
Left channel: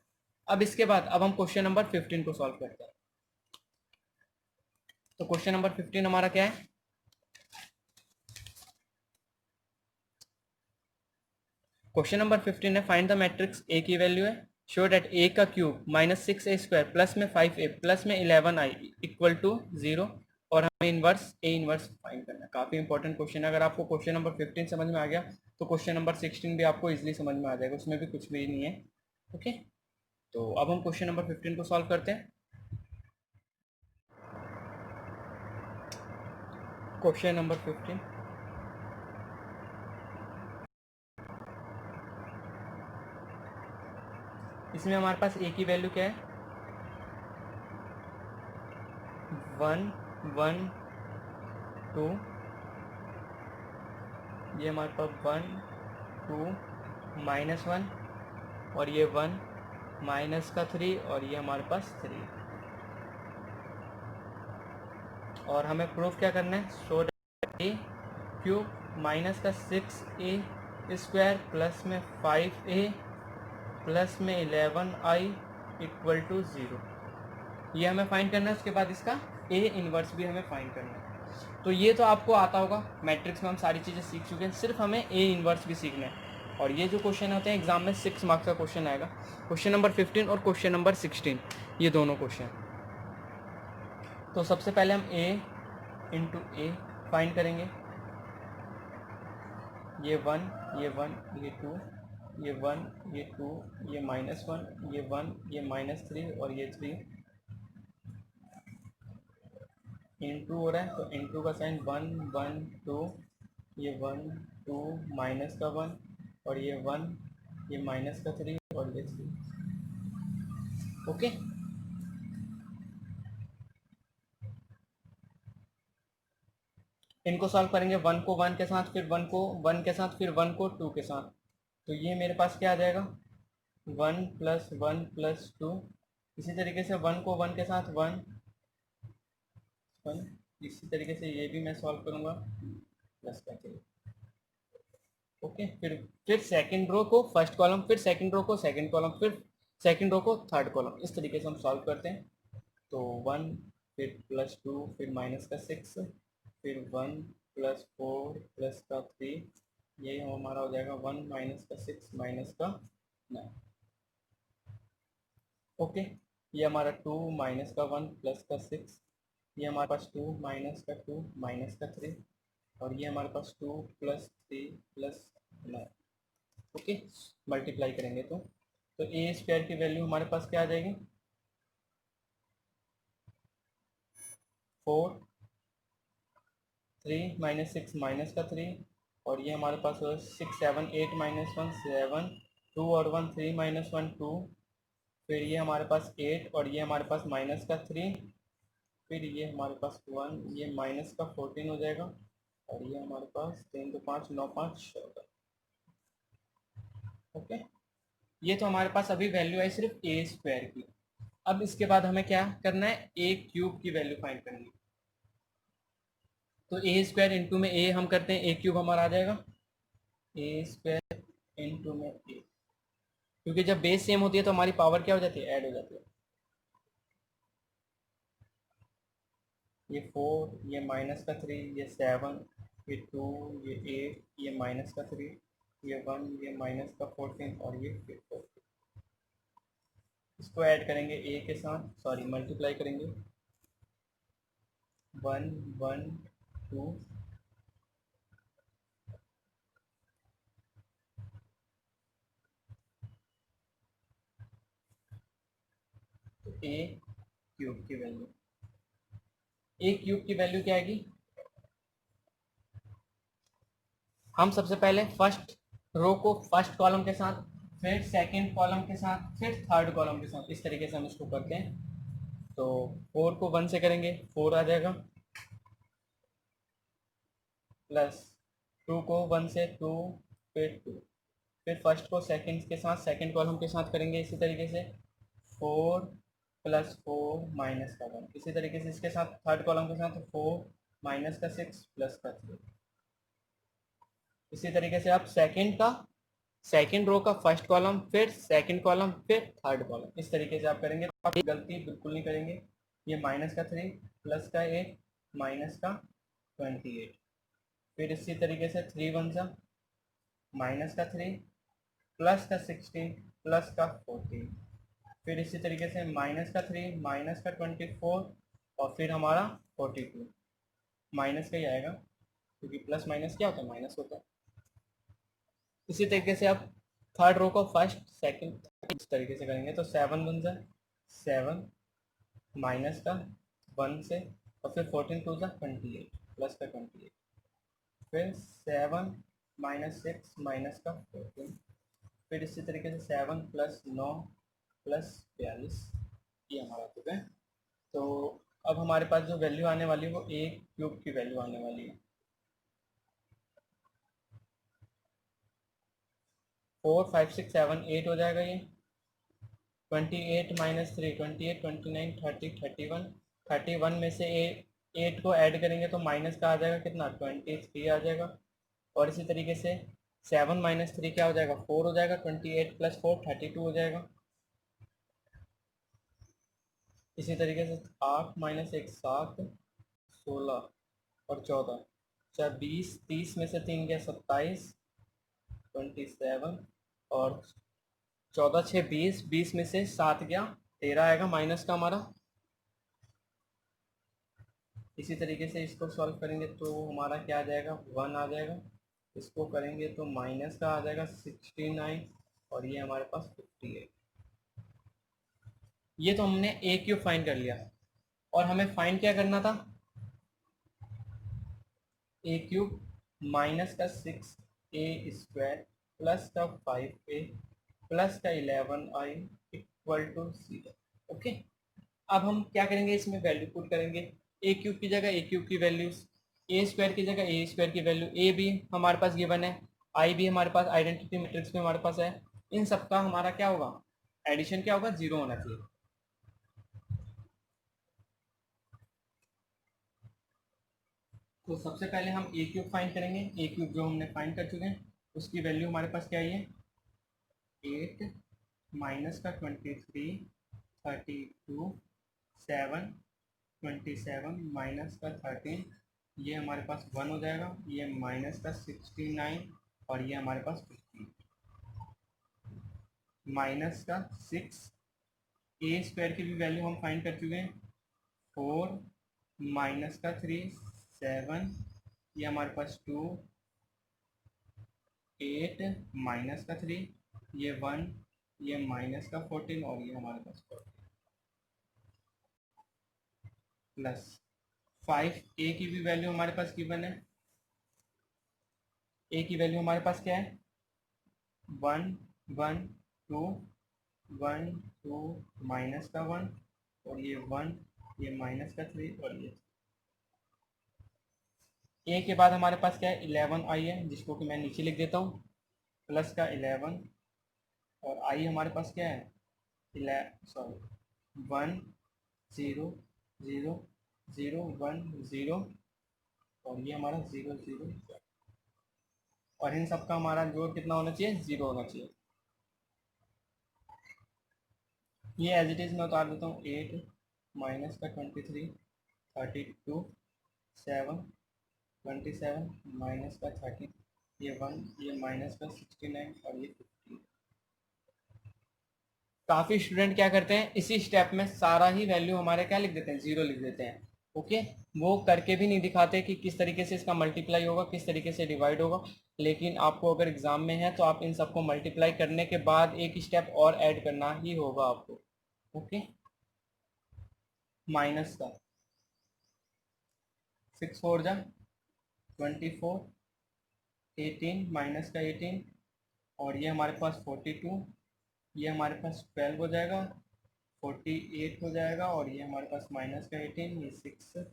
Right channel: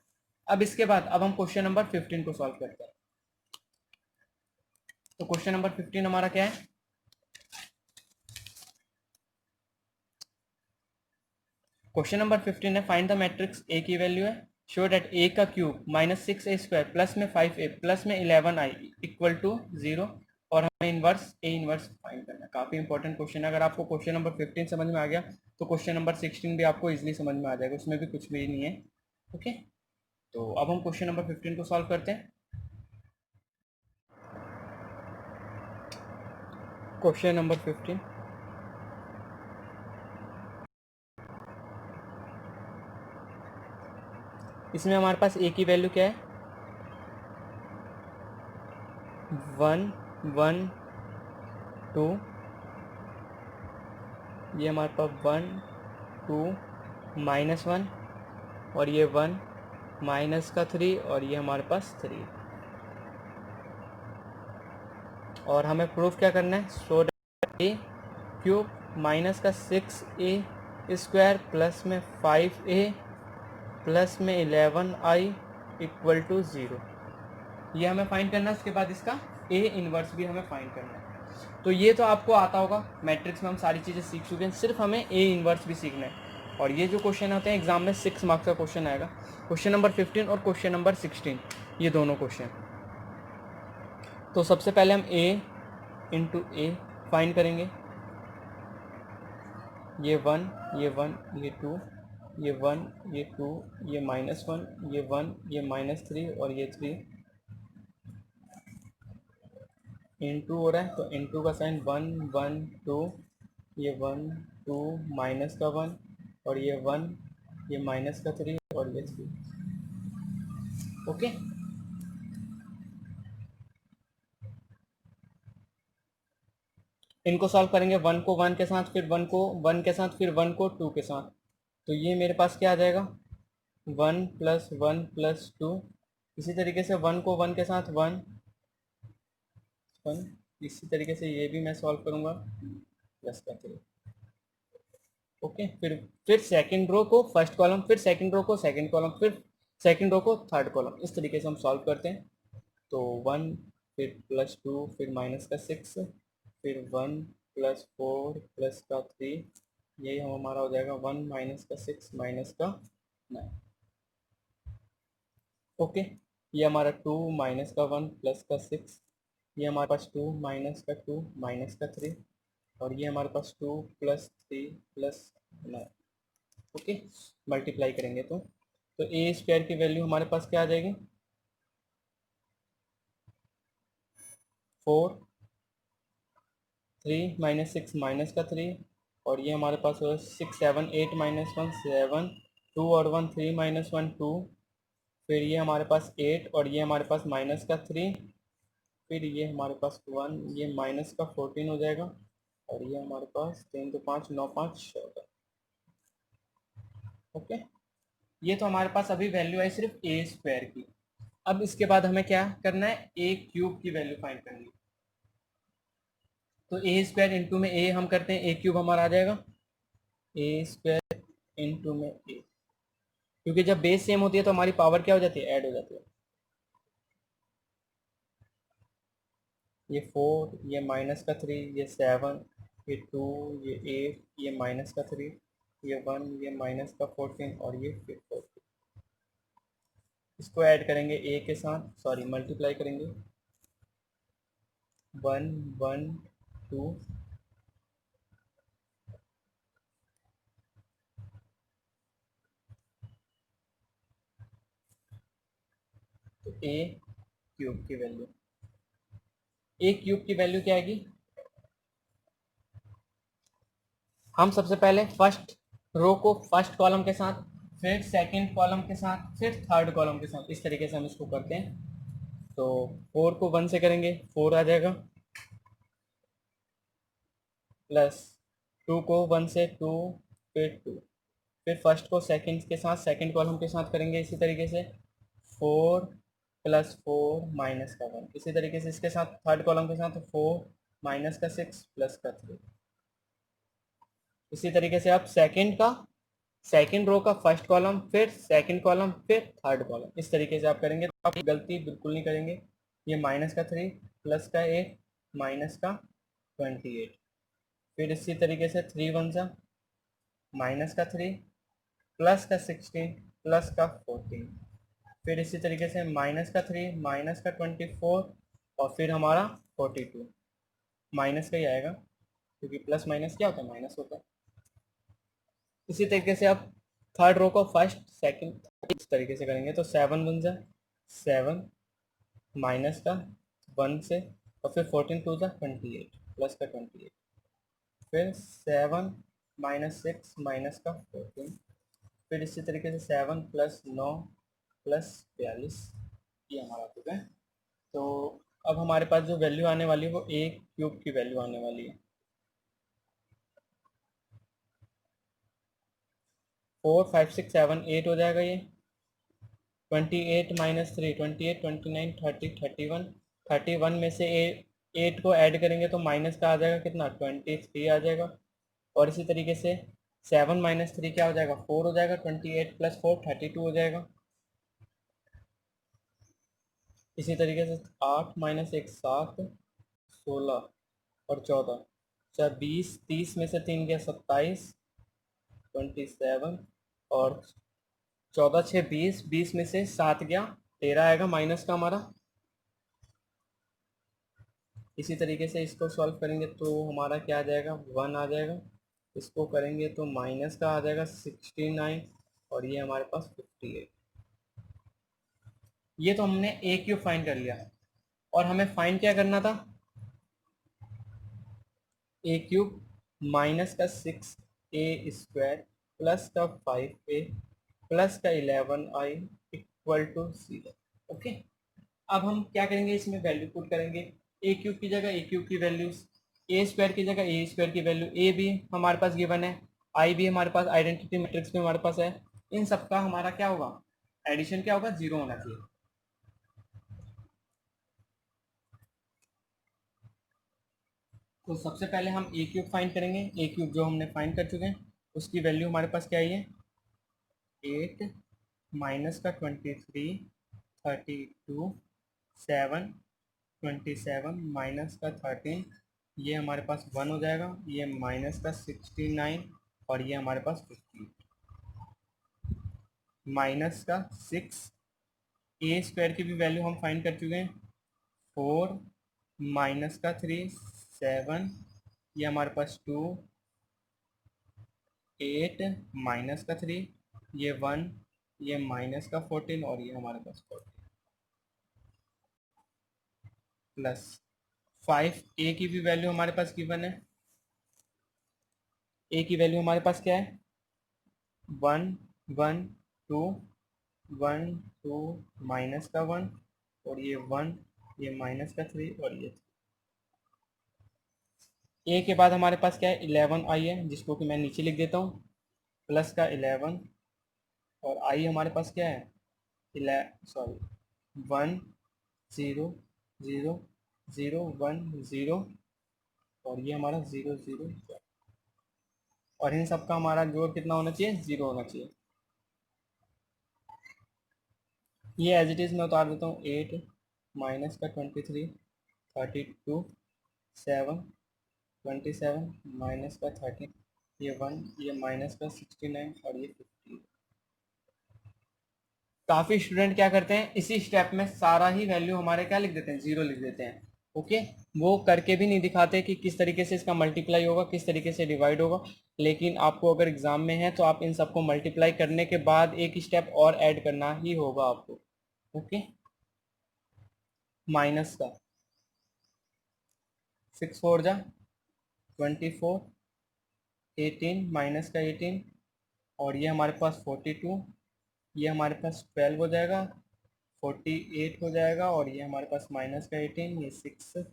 अब इसके बाद अब हम क्वेश्चन नंबर 15 को सॉल्व करते हैं। तो क्वेश्चन नंबर 15 हमारा क्या है, क्वेश्चन नंबर 15 है, फाइंड द मैट्रिक्स ए की वैल्यू है, शो दैट ए का cube minus 6a square plus में 5a प्लस में 11i इक्वल टू 0, और हमें इनवर्स ए इनवर्स फाइंड करना है। काफी इंपॉर्टेंट क्वेश्चन है, अगर आपको क्वेश्चन नंबर 15 समझ में आ गया तो क्वेश्चन नंबर 16 भी आपको इजीली समझ में आ जाएगा, उसमें भी कुछ भी नहीं है। ओके, तो अब हम क्वेश्चन नंबर 15 को सॉल्व करते हैं। क्वेश्चन नंबर 15, इसमें हमारे पास ए की वैल्यू क्या है, 1 1 2, ये हमारे पास 1 2 माइनस 1, और ये 1 माइनस का 3, और ये हमारे पास 3, और हमें प्रूफ क्या करना है, सो ए क्यूब माइनस का 6a स्क्वायर प्लस में 5a प्लस में 11i इक्वल टू 0, ये हमें फाइंड करना है। उसके बाद इसका ए इनवर्स भी हमें फाइंड करना है। तो ये तो आपको आता होगा, मैट्रिक्स में हम सारी चीज़ें सीख चुके हैं, सिर्फ हमें ए इनवर्स भी सीखना है। और ये जो क्वेश्चन होते हैं एग्जाम में 6 मार्क्स का क्वेश्चन आएगा, क्वेश्चन नंबर 15 और क्वेश्चन नंबर 16, ये दोनों क्वेश्चन। तो सबसे पहले हम ए इंटू ए फाइंड करेंगे, ये 1 ये 1 ये 2 ये 1 ये 2 ये -1 ये 1 ये -3 और ये 3 इंटू हो रहा है, तो इंटू का साइन 1 1 2, ये 1 2 माइनस का 1 और ये 1 ये माइनस का 3 और ये 3। ओके, इनको सॉल्व करेंगे, 1 को 1 के साथ, फिर 1 को 1 के साथ, फिर 1 को 2 के साथ, तो ये मेरे पास क्या आ जाएगा, 1 प्लस 1 प्लस 2। इसी तरीके से 1 को 1 के साथ 1 1, इसी तरीके से ये भी मैं सॉल्व करूँगा प्लस का 3। ओके, फिर सेकंड रो को फर्स्ट कॉलम, फिर सेकंड रो को सेकंड कॉलम, फिर सेकंड रो को थर्ड कॉलम, इस तरीके से हम सॉल्व करते हैं। तो 1 फिर प्लस 2 फिर माइनस का 6 फिर 1 प्लस 4 प्लस का 3, यही हमारा हो जाएगा 1 माइनस का 6 माइनस का 9। ओके, ये हमारा 2 माइनस का 1 प्लस का 6, ये हमारे पास 2 माइनस का 2 माइनस का 3, और ये हमारे पास 2 प्लस 3 प्लस 9। ओके, मल्टीप्लाई करेंगे तो ए स्क्वायर की वैल्यू हमारे पास क्या आ जाएगी, 4 3 - 6 -3, और ये हमारे पास 6 7 8 -1 7, 2 और 1 3 -1 2, फिर ये हमारे पास 8 और ये हमारे पास -3, फिर ये हमारे पास 1, ये -14 हो जाएगा, और ये हमारे पास 3 2 5 9 5 14। ओके, ये तो हमारे पास अभी वैल्यू है सिर्फ ए स्क्वायर की। अब इसके बाद हमें क्या करना है, ए क्यूब की वैल्यू फाइंड करनी है। तो ए स्क्वायर इंटू में ए हम करते हैं, ए क्यूब हमारा आ जाएगा ए स्क्वायर इंटू में ए, क्योंकि जब बेस सेम होती है तो हमारी पावर क्या हो जाती है, ऐड हो जाती है। ये 4, ये -3, ये 7, ये 2, ये 8, ये -3, ये 1, ये -14, और ये फिर 14। इसको ऐड करेंगे ए के साथ, सॉरी मल्टीप्लाई करेंगे, 1 1 2, तो ए क्यूब की वैल्यू, ए क्यूब की वैल्यू क्या आएगी, हम सबसे पहले फर्स्ट रो को फर्स्ट कॉलम के साथ, फिर सेकंड कॉलम के साथ, फिर थर्ड कॉलम के साथ, इस तरीके से हम इसको करते हैं। तो 4 को 1 से करेंगे 4 आ जाएगा, प्लस 2 को 1 से 2, फिर 2, फिर फर्स्ट को सेकंड के साथ सेकंड कॉलम के साथ करेंगे इसी तरीके से, 4 + 4 -1, इसी तरीके से इसके साथ थर्ड कॉलम के साथ 4 -6 +3। इसी तरीके से आप सेकंड रो का फर्स्ट कॉलम, फिर सेकंड कॉलम, फिर थर्ड कॉलम, इस तरीके से आप करेंगे तो आप गलती बिल्कुल नहीं करेंगे। ये -3 +1 -28, फिर इसी तरीके से 3 1 -3 +16 +14, फिर इसी तरीके से -3 -24, और फिर हमारा 42, माइनस का ही आएगा क्योंकि प्लस माइनस क्या होता है, माइनस होता है। इसी तरीके से आप थर्ड रो को फर्स्ट सेकंड इस तरीके से करेंगे, तो 7 1 7 माइनस का 1 से, और फिर 14 2 28 प्लस का 28, फिर 7 -6 माइनस का 14, फिर इसी तरीके से 7 + 9 + 42, ये हमारा हो गया। तो अब हमारे पास जो वैल्यू आने वाली है वो ए क्यूब की वैल्यू आने वाली है, 4 5 6 7 8 हो जाएगा ये, 28 - 3 28 29 30 31, 31 में से 8 को ऐड करेंगे तो माइनस का आ जाएगा कितना, 23 आ जाएगा, और इसी तरीके से 7 - 3 क्या हो जाएगा, 4 हो जाएगा, 28 + 4 32 हो जाएगा। इसी तरीके से 8 - 1 7 16 और 14, अच्छा 20 30 में से 3 गया 27 27, और 14 6 20, 20 में से 7 गया 13 आएगा माइनस का हमारा। इसी तरीके से इसको सॉल्व करेंगे तो हमारा क्या आ जाएगा, 1 आ जाएगा, इसको करेंगे तो माइनस का आ जाएगा 69, और ये हमारे पास 58। ये तो हमने ए क्यूब फाइंड कर लिया, और हमें फाइंड क्या करना था, ए क्यूब माइनस का 6a² प्लस का 5a प्लस का 11i इक्वल टू 0। ओके, अब हम क्या करेंगे, इसमें वैल्यू पुट करेंगे, ए क्यूब की जगह ए क्यूब की वैल्यूज, ए स्क्वायर की जगह ए स्क्वायर की वैल्यू, ए भी हमारे पास गिवन है, आई भी हमारे पास आइडेंटिटी मैट्रिक्स में हमारे पास है, इन सबका हमारा क्या होगा, एडिशन क्या होगा, 0 होना चाहिए। तो सबसे पहले हम ए क्यूब फाइंड करेंगे, ए क्यूब जो हमने फाइंड कर चुके हैं उसकी वैल्यू हमारे पास क्या आई है, 8 माइनस का 23 32 7 27 माइनस का 13, ये हमारे पास 1 हो जाएगा, ये माइनस का 69, और ये हमारे पास 50, माइनस का 6, ए स्क्वायर की भी वैल्यू हम फाइंड कर चुके हैं, 4 माइनस का 3 7, ये हमारे पास 2 8 माइनस का 3, ये 1, ये माइनस का 14, और ये हमारे पास 14 प्लस 5 ए की भी वैल्यू हमारे पास गिवन है। ए की वैल्यू हमारे पास क्या है? 1 1 2 1 2 माइनस का 1 और ये 1, ये माइनस का 3 और ये ए के बाद हमारे पास क्या है? 11 आई है, जिसको कि मैं नीचे लिख देता हूँ, प्लस का 11 और आई हमारे पास क्या है? 1 0 0 0 1 0 और ये हमारा 0 0 और इन सब का हमारा जोड़ कितना होना चाहिए? 0 होना चाहिए। ये एज इट इज़ मैं उतार देता हूँ। 8 माइनस का 23 32 7 27 माइनस का 30 ये 1 ये माइनस का 69 और ये 50। काफ़ी स्टूडेंट क्या करते हैं, इसी स्टेप में सारा ही वैल्यू हमारे क्या लिख देते हैं? 0 लिख देते हैं। ओके, वो करके भी नहीं दिखाते कि किस तरीके से इसका मल्टीप्लाई होगा, किस तरीके से डिवाइड होगा। लेकिन आपको अगर एग्जाम में है तो आप इन सबको मल्टीप्लाई करने के बाद एक स्टेप और ऐड करना ही होगा आपको। ओके, माइनस का 6 4 जा 24 18 माइनस का 18 और ये हमारे पास 42 ये हमारे पास 12 हो जाएगा 48 हो जाएगा और ये हमारे पास माइनस का 18 ये 6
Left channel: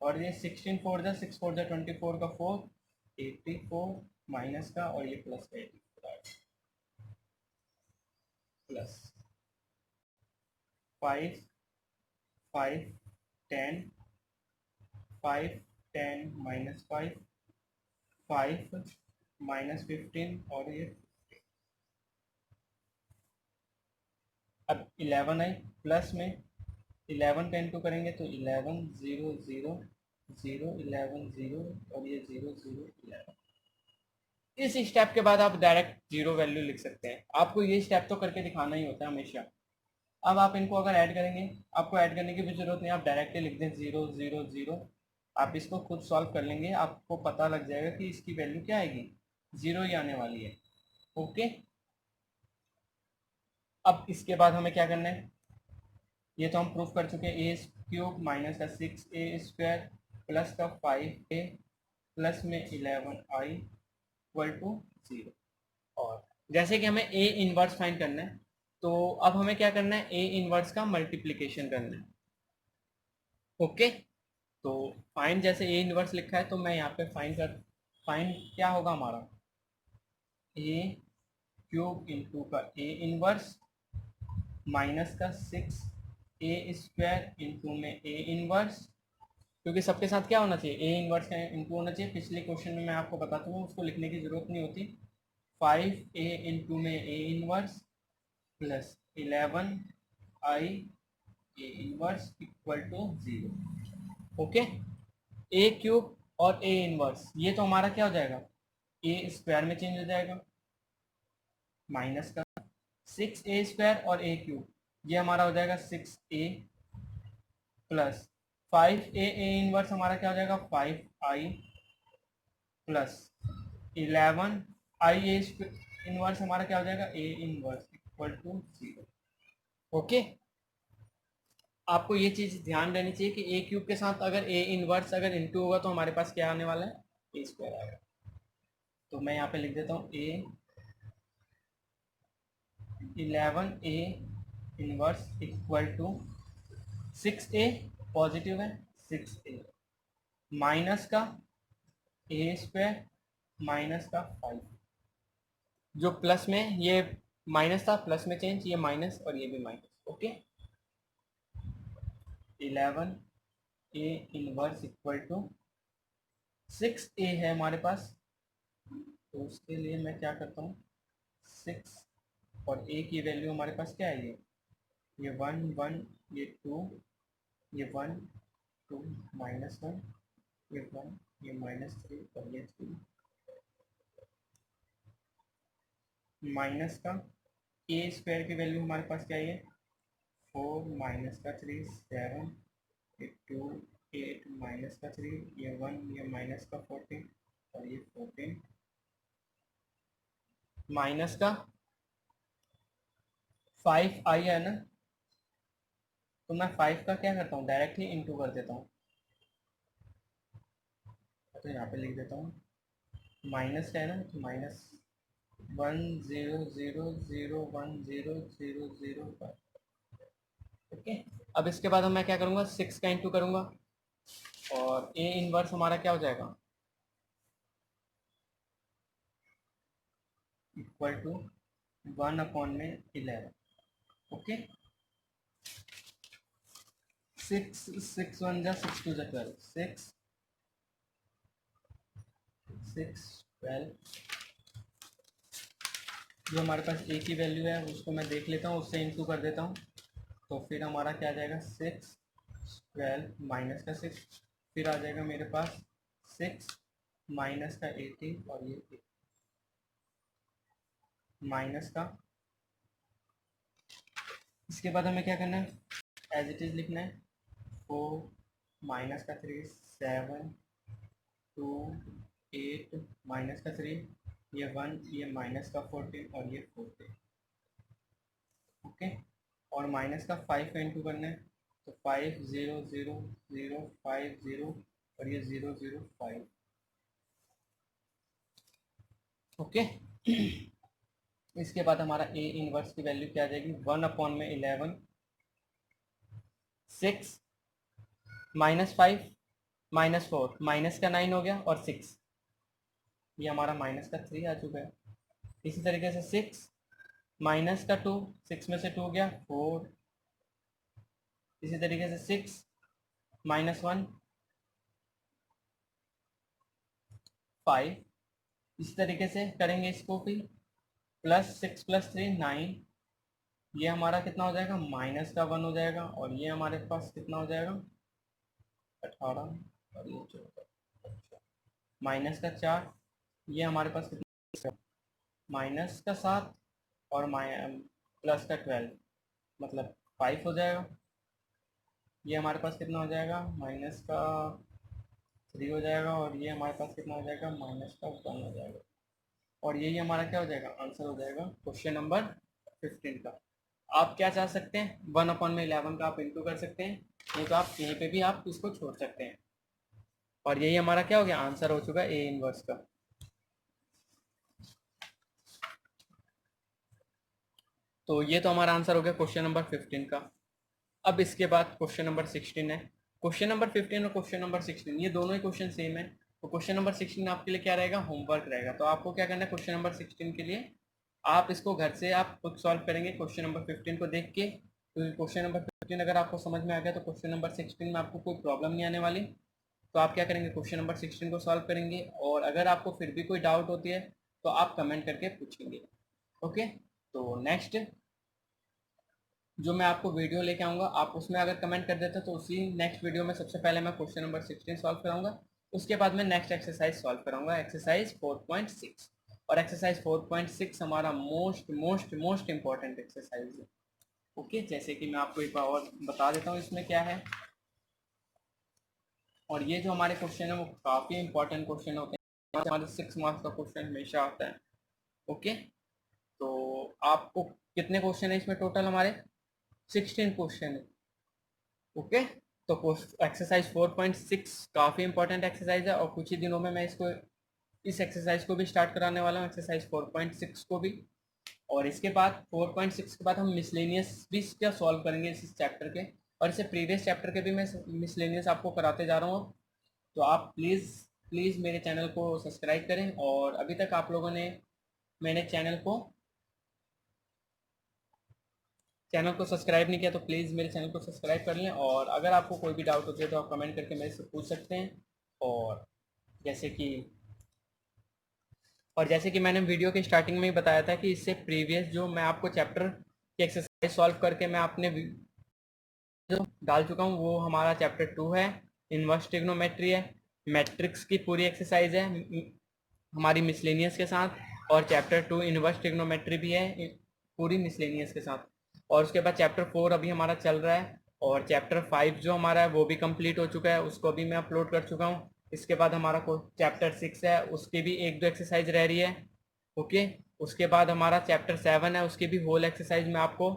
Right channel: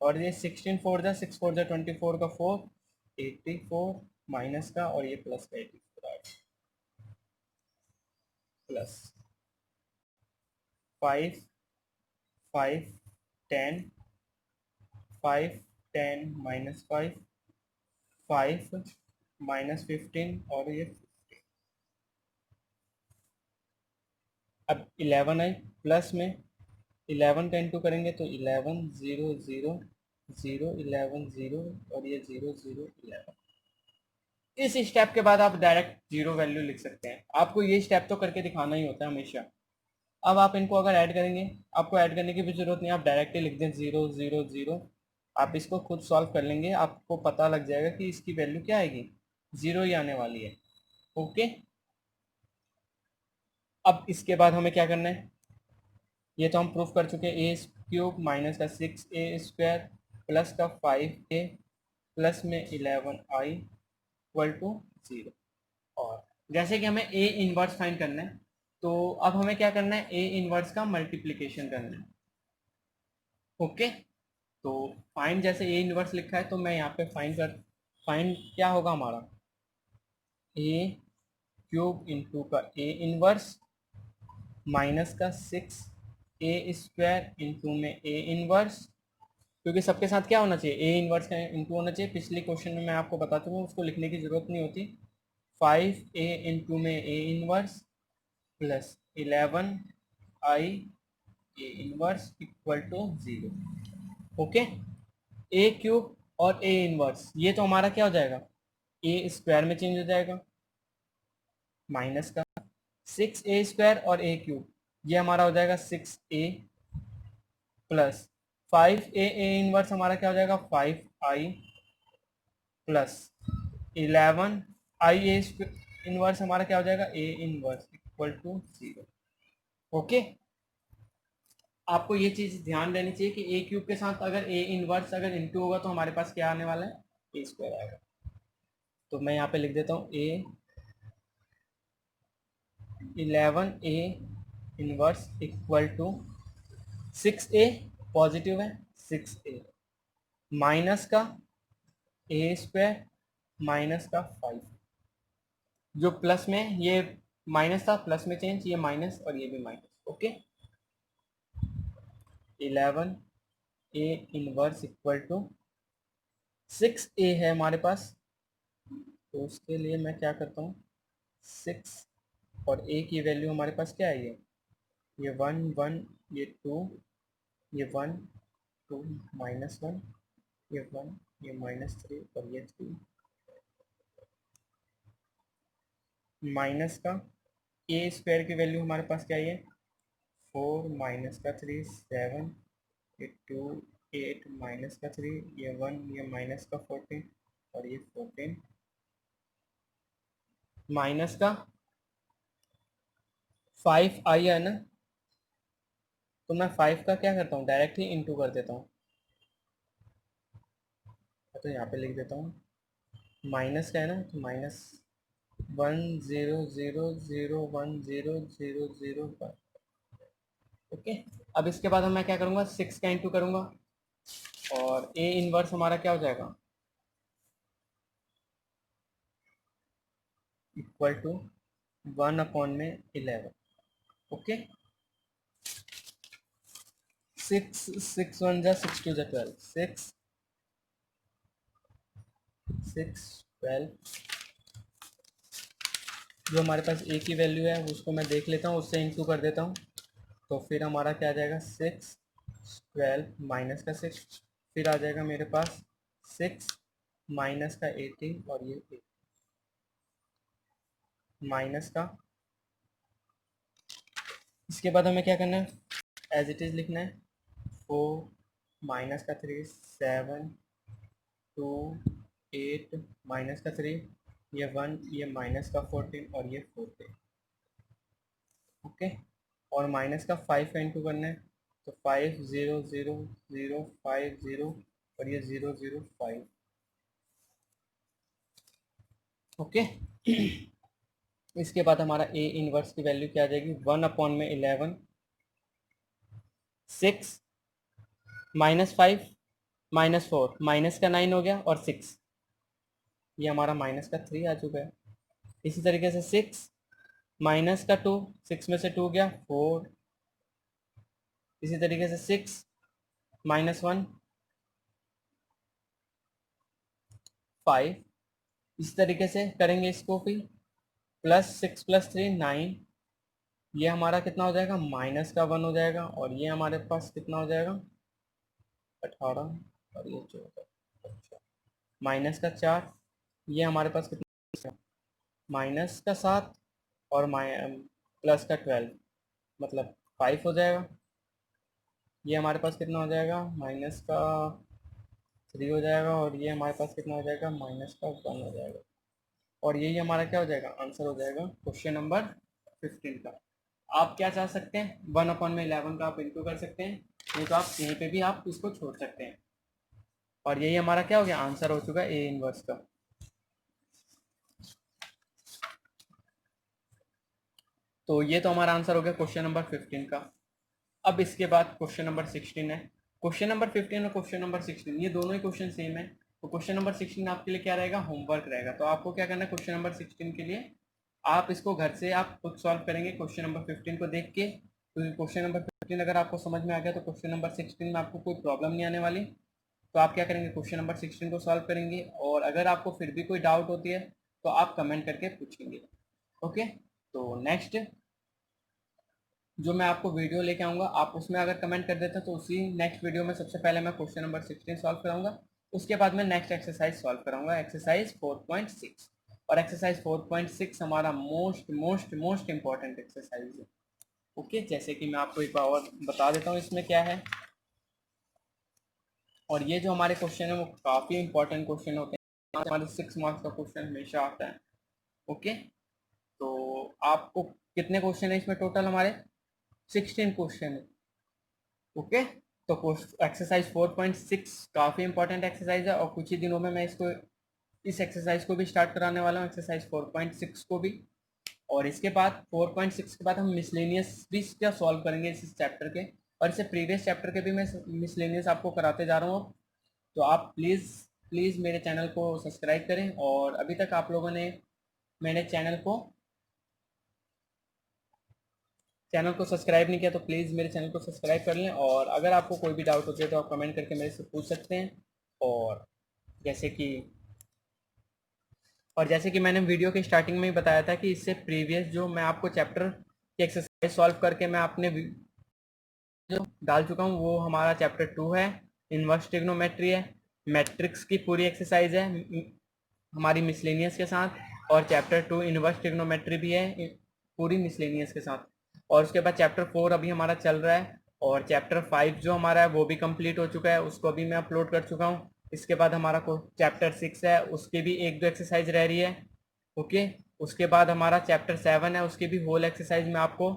और ये 16 4 जा 6 4 जा 24 का 4 84 माइनस का और ये प्लस का 84 प्लस 5 5 10 5 10 माइनस 5 5 माइनस 15 और ये अब 11 आई प्लस में 11 का इंटू करेंगे तो 11 0 0 0 11 0 और ये 0 0 11। इस स्टेप के बाद आप डायरेक्ट जीरो वैल्यू लिख सकते हैं। आपको ये स्टेप तो करके दिखाना ही होता है हमेशा। अब आप इनको अगर ऐड करेंगे, आपको ऐड करने की भी जरूरत नहीं, आप डायरेक्टली लिख दें 0 0 0। आप इसको खुद सॉल्व कर लेंगे, आपको पता लग जाएगा कि इसकी वैल्यू क्या आएगी, 0 ही आने वाली है। ओके, अब इसके बाद हमें क्या करना है, ये तो हम प्रूफ कर चुके हैं। ए क्यूब माइनस का 6a² प्लस का 5a प्लस में 11i इक्वल टू 0। और जैसे कि हमें ए इनवर्स फाइंड करना है, तो अब हमें क्या करना है, ए इनवर्स का मल्टीप्लिकेशन करना है। ओके, तो फाइंड जैसे ए इनवर्स लिखा है तो मैं यहाँ पे फाइंड क्या होगा हमारा, ए क्यूब इंटू का ए इनवर्स माइनस का 6a² इंटू में ए इनवर्स, क्योंकि सबके साथ क्या होना चाहिए, ए इनवर्स का इंटू होना चाहिए। पिछले क्वेश्चन में मैं आपको बता चुका हूँ, उसको लिखने की जरूरत नहीं होती। 5a इंटू में A inverse plus 11i A inverse equal to 0। Okay, A cube और ए इनवर्स ये तो हमारा क्या हो जाएगा, ए स्क्वायर में चेंज हो जाएगा माइनस का 6a² और ए क्यूब ये हमारा हो जाएगा 6a plus 5a A inverse हमारा क्या हो जाएगा 5i plus 11i A inverse हमारा क्या हो जाएगा A inverse equal to 0। Okay, आपको ये चीज ध्यान देनी चाहिए कि ए क्यूब के साथ अगर ए इनवर्स अगर इंटू होगा तो हमारे पास क्या आने वाला है, ए स्क्वायर आएगा। तो मैं यहाँ पे लिख देता हूँ A 11a inverse equal to 6a positive है 6a माइनस का ए स्क्वायर माइनस का 5 जो प्लस में ये माइनस था प्लस में चेंज, ये माइनस और ये भी minus. Okay, 11a inverse equal to 6a है हमारे पास, तो उसके लिए मैं क्या करता हूँ 6 और a की वैल्यू हमारे पास क्या है, ये 1 1 ये 2 ये 1 2 माइनस 1 ये 1 ये -3 और ये 3 माइनस का ए स्क्वायर की वैल्यू हमारे पास क्या है 4 माइनस का 3 7 ये 2 8 माइनस का 3 ये 1 ये माइनस का 14 और ये 14 माइनस का 5 आई है ना, तो मैं 5 का क्या करता हूँ डायरेक्ट ही इंटू कर देता हूँ। तो यहाँ पे लिख देता हूँ, माइनस का है ना, तो माइनस 1 0 0 0 1 0 0 0 1। ओके, अब इसके बाद मैं क्या करूँगा, 6 का इंटू करूँगा और ए इनवर्स हमारा क्या हो जाएगा, इक्वल टू 1/11। ओके, 6 1 जा 6 2 जा 12, 6 6 12। जो हमारे पास ए की वैल्यू है उसको मैं देख लेता हूँ, उससे इंटू कर देता हूँ, तो फिर हमारा क्या आ जाएगा, 6 12 माइनस का 6, फिर आ जाएगा मेरे पास 6 माइनस का 18 और ये 8 माइनस का। इसके बाद हमें क्या करना है, एज इट इज़ लिखना है, 4 माइनस का 3 7 2 8 माइनस का 3 ये 1, ये माइनस का 14 और ये 14। ओके, और माइनस का 5 का इंटू करना है, तो 5 0 0 0 5 0 और ये 0 0 5। ओके, इसके बाद हमारा ए इनवर्स की वैल्यू क्या आ जाएगी, 1/11 6 -5 -4 माइनस का 9 हो गया और 6, ये हमारा माइनस का 3 आ चुका है। इसी तरीके से 6 माइनस का 2, 6 में से 2 गया 4, इसी तरीके से 6 -1 5, इस तरीके से करेंगे इसको, फिर +6 + 3 9, ये हमारा कितना हो जाएगा, माइनस का 1 हो जाएगा और ये हमारे पास कितना हो जाएगा 18 और ये 14, माइनस का 4, ये हमारे पास कितना, माइनस का 7 और प्लस का 12 मतलब 5 हो जाएगा। ये हमारे पास कितना हो जाएगा, माइनस का 3 हो जाएगा और ये हमारे पास कितना हो जाएगा, माइनस का 1 हो जाएगा। और यही हमारा क्या हो जाएगा, आंसर हो जाएगा क्वेश्चन नंबर 15 का। आप क्या चाह सकते हैं, 1/11 का आप इंटू कर सकते हैं, नहीं तो आप यहीं पे भी आप इसको छोड़ सकते हैं। और यही हमारा क्या हो गया, आंसर हो चुका है ए इनवर्स का। तो ये तो हमारा आंसर हो गया क्वेश्चन नंबर 15 का। अब इसके बाद क्वेश्चन नंबर 16 है। क्वेश्चन नंबर 15 और क्वेश्चन नंबर 16 ये दोनों ही क्वेश्चन सेम है। तो क्वेश्चन नंबर 16 आपके लिए क्या रहेगा, होमवर्क रहेगा। तो आपको क्या करना है, क्वेश्चन नंबर 16 के लिए आप इसको घर से आप खुद सॉल्व करेंगे क्वेश्चन नंबर 15 को देख के। तो क्वेश्चन नंबर 15 अगर आपको समझ में आ गया तो क्वेश्चन नंबर 16 में आपको कोई प्रॉब्लम नहीं आने वाली। तो आप क्या करेंगे, क्वेश्चन नंबर 16 को सॉल्व करेंगे और अगर आपको फिर भी कोई डाउट होती है तो आप कमेंट करके पूछेंगे। ओके, तो नेक्स्ट जो मैं आपको वीडियो लेके आऊँगा आप उसमें अगर कमेंट कर देते तो उसी नेक्स्ट वीडियो में सबसे पहले मैं क्वेश्चन नंबर 16 सॉल्व कराऊंगा। उसके बाद मैं नेक्स्ट एक्सरसाइज सॉल्व कराऊंगा, एक्सरसाइज 4.6। और एक्सरसाइज 4.6 हमारा most most most important exercise है। ओके, जैसे कि मैं आपको एक बार और बता देता हूँ इसमें क्या है। और ये जो हमारे क्वेश्चन है वो काफ़ी इंपॉर्टेंट क्वेश्चन होते हैं, हमारे 6 मार्क्स का क्वेश्चन हमेशा आता है। ओके, तो आपको कितने क्वेश्चन है इसमें टोटल, हमारे 16 क्वेश्चन है। ओके, तो एक्सरसाइज 4.6 काफ़ी इंपॉर्टेंट एक्सरसाइज है और कुछ ही दिनों में मैं इसको इस एक्सरसाइज को भी स्टार्ट कराने वाला हूँ, एक्सरसाइज 4.6 को भी। और इसके बाद 4.6 के बाद हम मिसलेनियस भी क्या सॉल्व करेंगे इस चैप्टर के, और इससे प्रीवियस चैप्टर के भी मैं मिसलेनियस आपको कराते जा रहा हूँ। तो आप प्लीज़ प्लीज़ मेरे चैनल को सब्सक्राइब करें, और अभी तक आप लोगों ने मेरे चैनल को सब्सक्राइब नहीं किया तो प्लीज़ मेरे चैनल को सब्सक्राइब कर लें। और अगर आपको कोई भी डाउट होती है तो आप कमेंट करके मेरे से पूछ सकते हैं। और जैसे कि जैसे कि मैंने वीडियो के स्टार्टिंग में ही बताया था कि इससे प्रीवियस जो मैं आपको चैप्टर की एक्सरसाइज सॉल्व करके मैं अपने जो डाल चुका हूँ वो हमारा चैप्टर 2 है, इनवर्स ट्रिग्नोमेट्री है, मैट्रिक्स की पूरी एक्सरसाइज है हमारी मिसलेनियस के साथ, और चैप्टर 2 इनवर्स ट्रिग्नोमेट्री भी है पूरी मिसलेनियस के साथ। और उसके बाद चैप्टर 4 अभी हमारा चल रहा है, और चैप्टर 5 जो हमारा है वो भी कंप्लीट हो चुका है, उसको भी मैं अपलोड कर चुका हूँ। इसके बाद हमारा चैप्टर 6 है, उसकी भी 1-2 एक्सरसाइज रह रही है। ओके, उसके बाद हमारा चैप्टर 7 है, उसकी भी होल एक्सरसाइज मैं आपको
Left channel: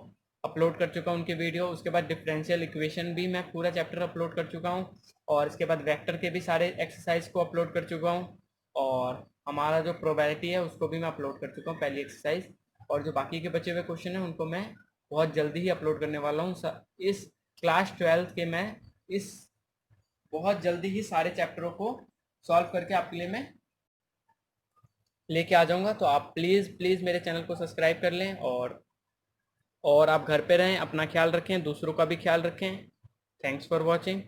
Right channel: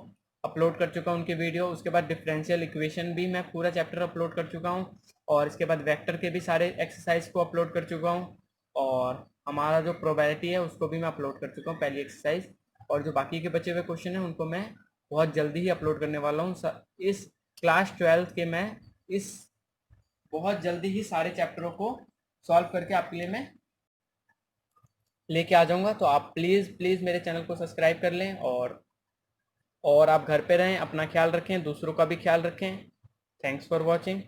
अपलोड कर चुका हूँ उनकी वीडियो। उसके बाद डिफरेंशियल इक्वेशन भी मैं पूरा चैप्टर अपलोड कर चुका हूँ, और इसके बाद वेक्टर के भी सारे एक्सरसाइज को अपलोड कर चुका हूँ, और हमारा जो प्रोबेबिलिटी है उसको भी मैं अपलोड कर चुका हूँ पहली एक्सरसाइज। और जो बाकी के बचे हुए क्वेश्चन हैं उनको मैं बहुत जल्दी ही अपलोड करने वाला हूँ। इस क्लास 12 के मैं इस बहुत जल्दी ही सारे चैप्टरों को सॉल्व करके आपके लिए मैं लेके आ जाऊंगा। तो आप प्लीज़ प्लीज़ मेरे चैनल को सब्सक्राइब कर लें, और आप घर पे रहें, अपना ख्याल रखें, दूसरों का भी ख्याल रखें। Thanks for watching.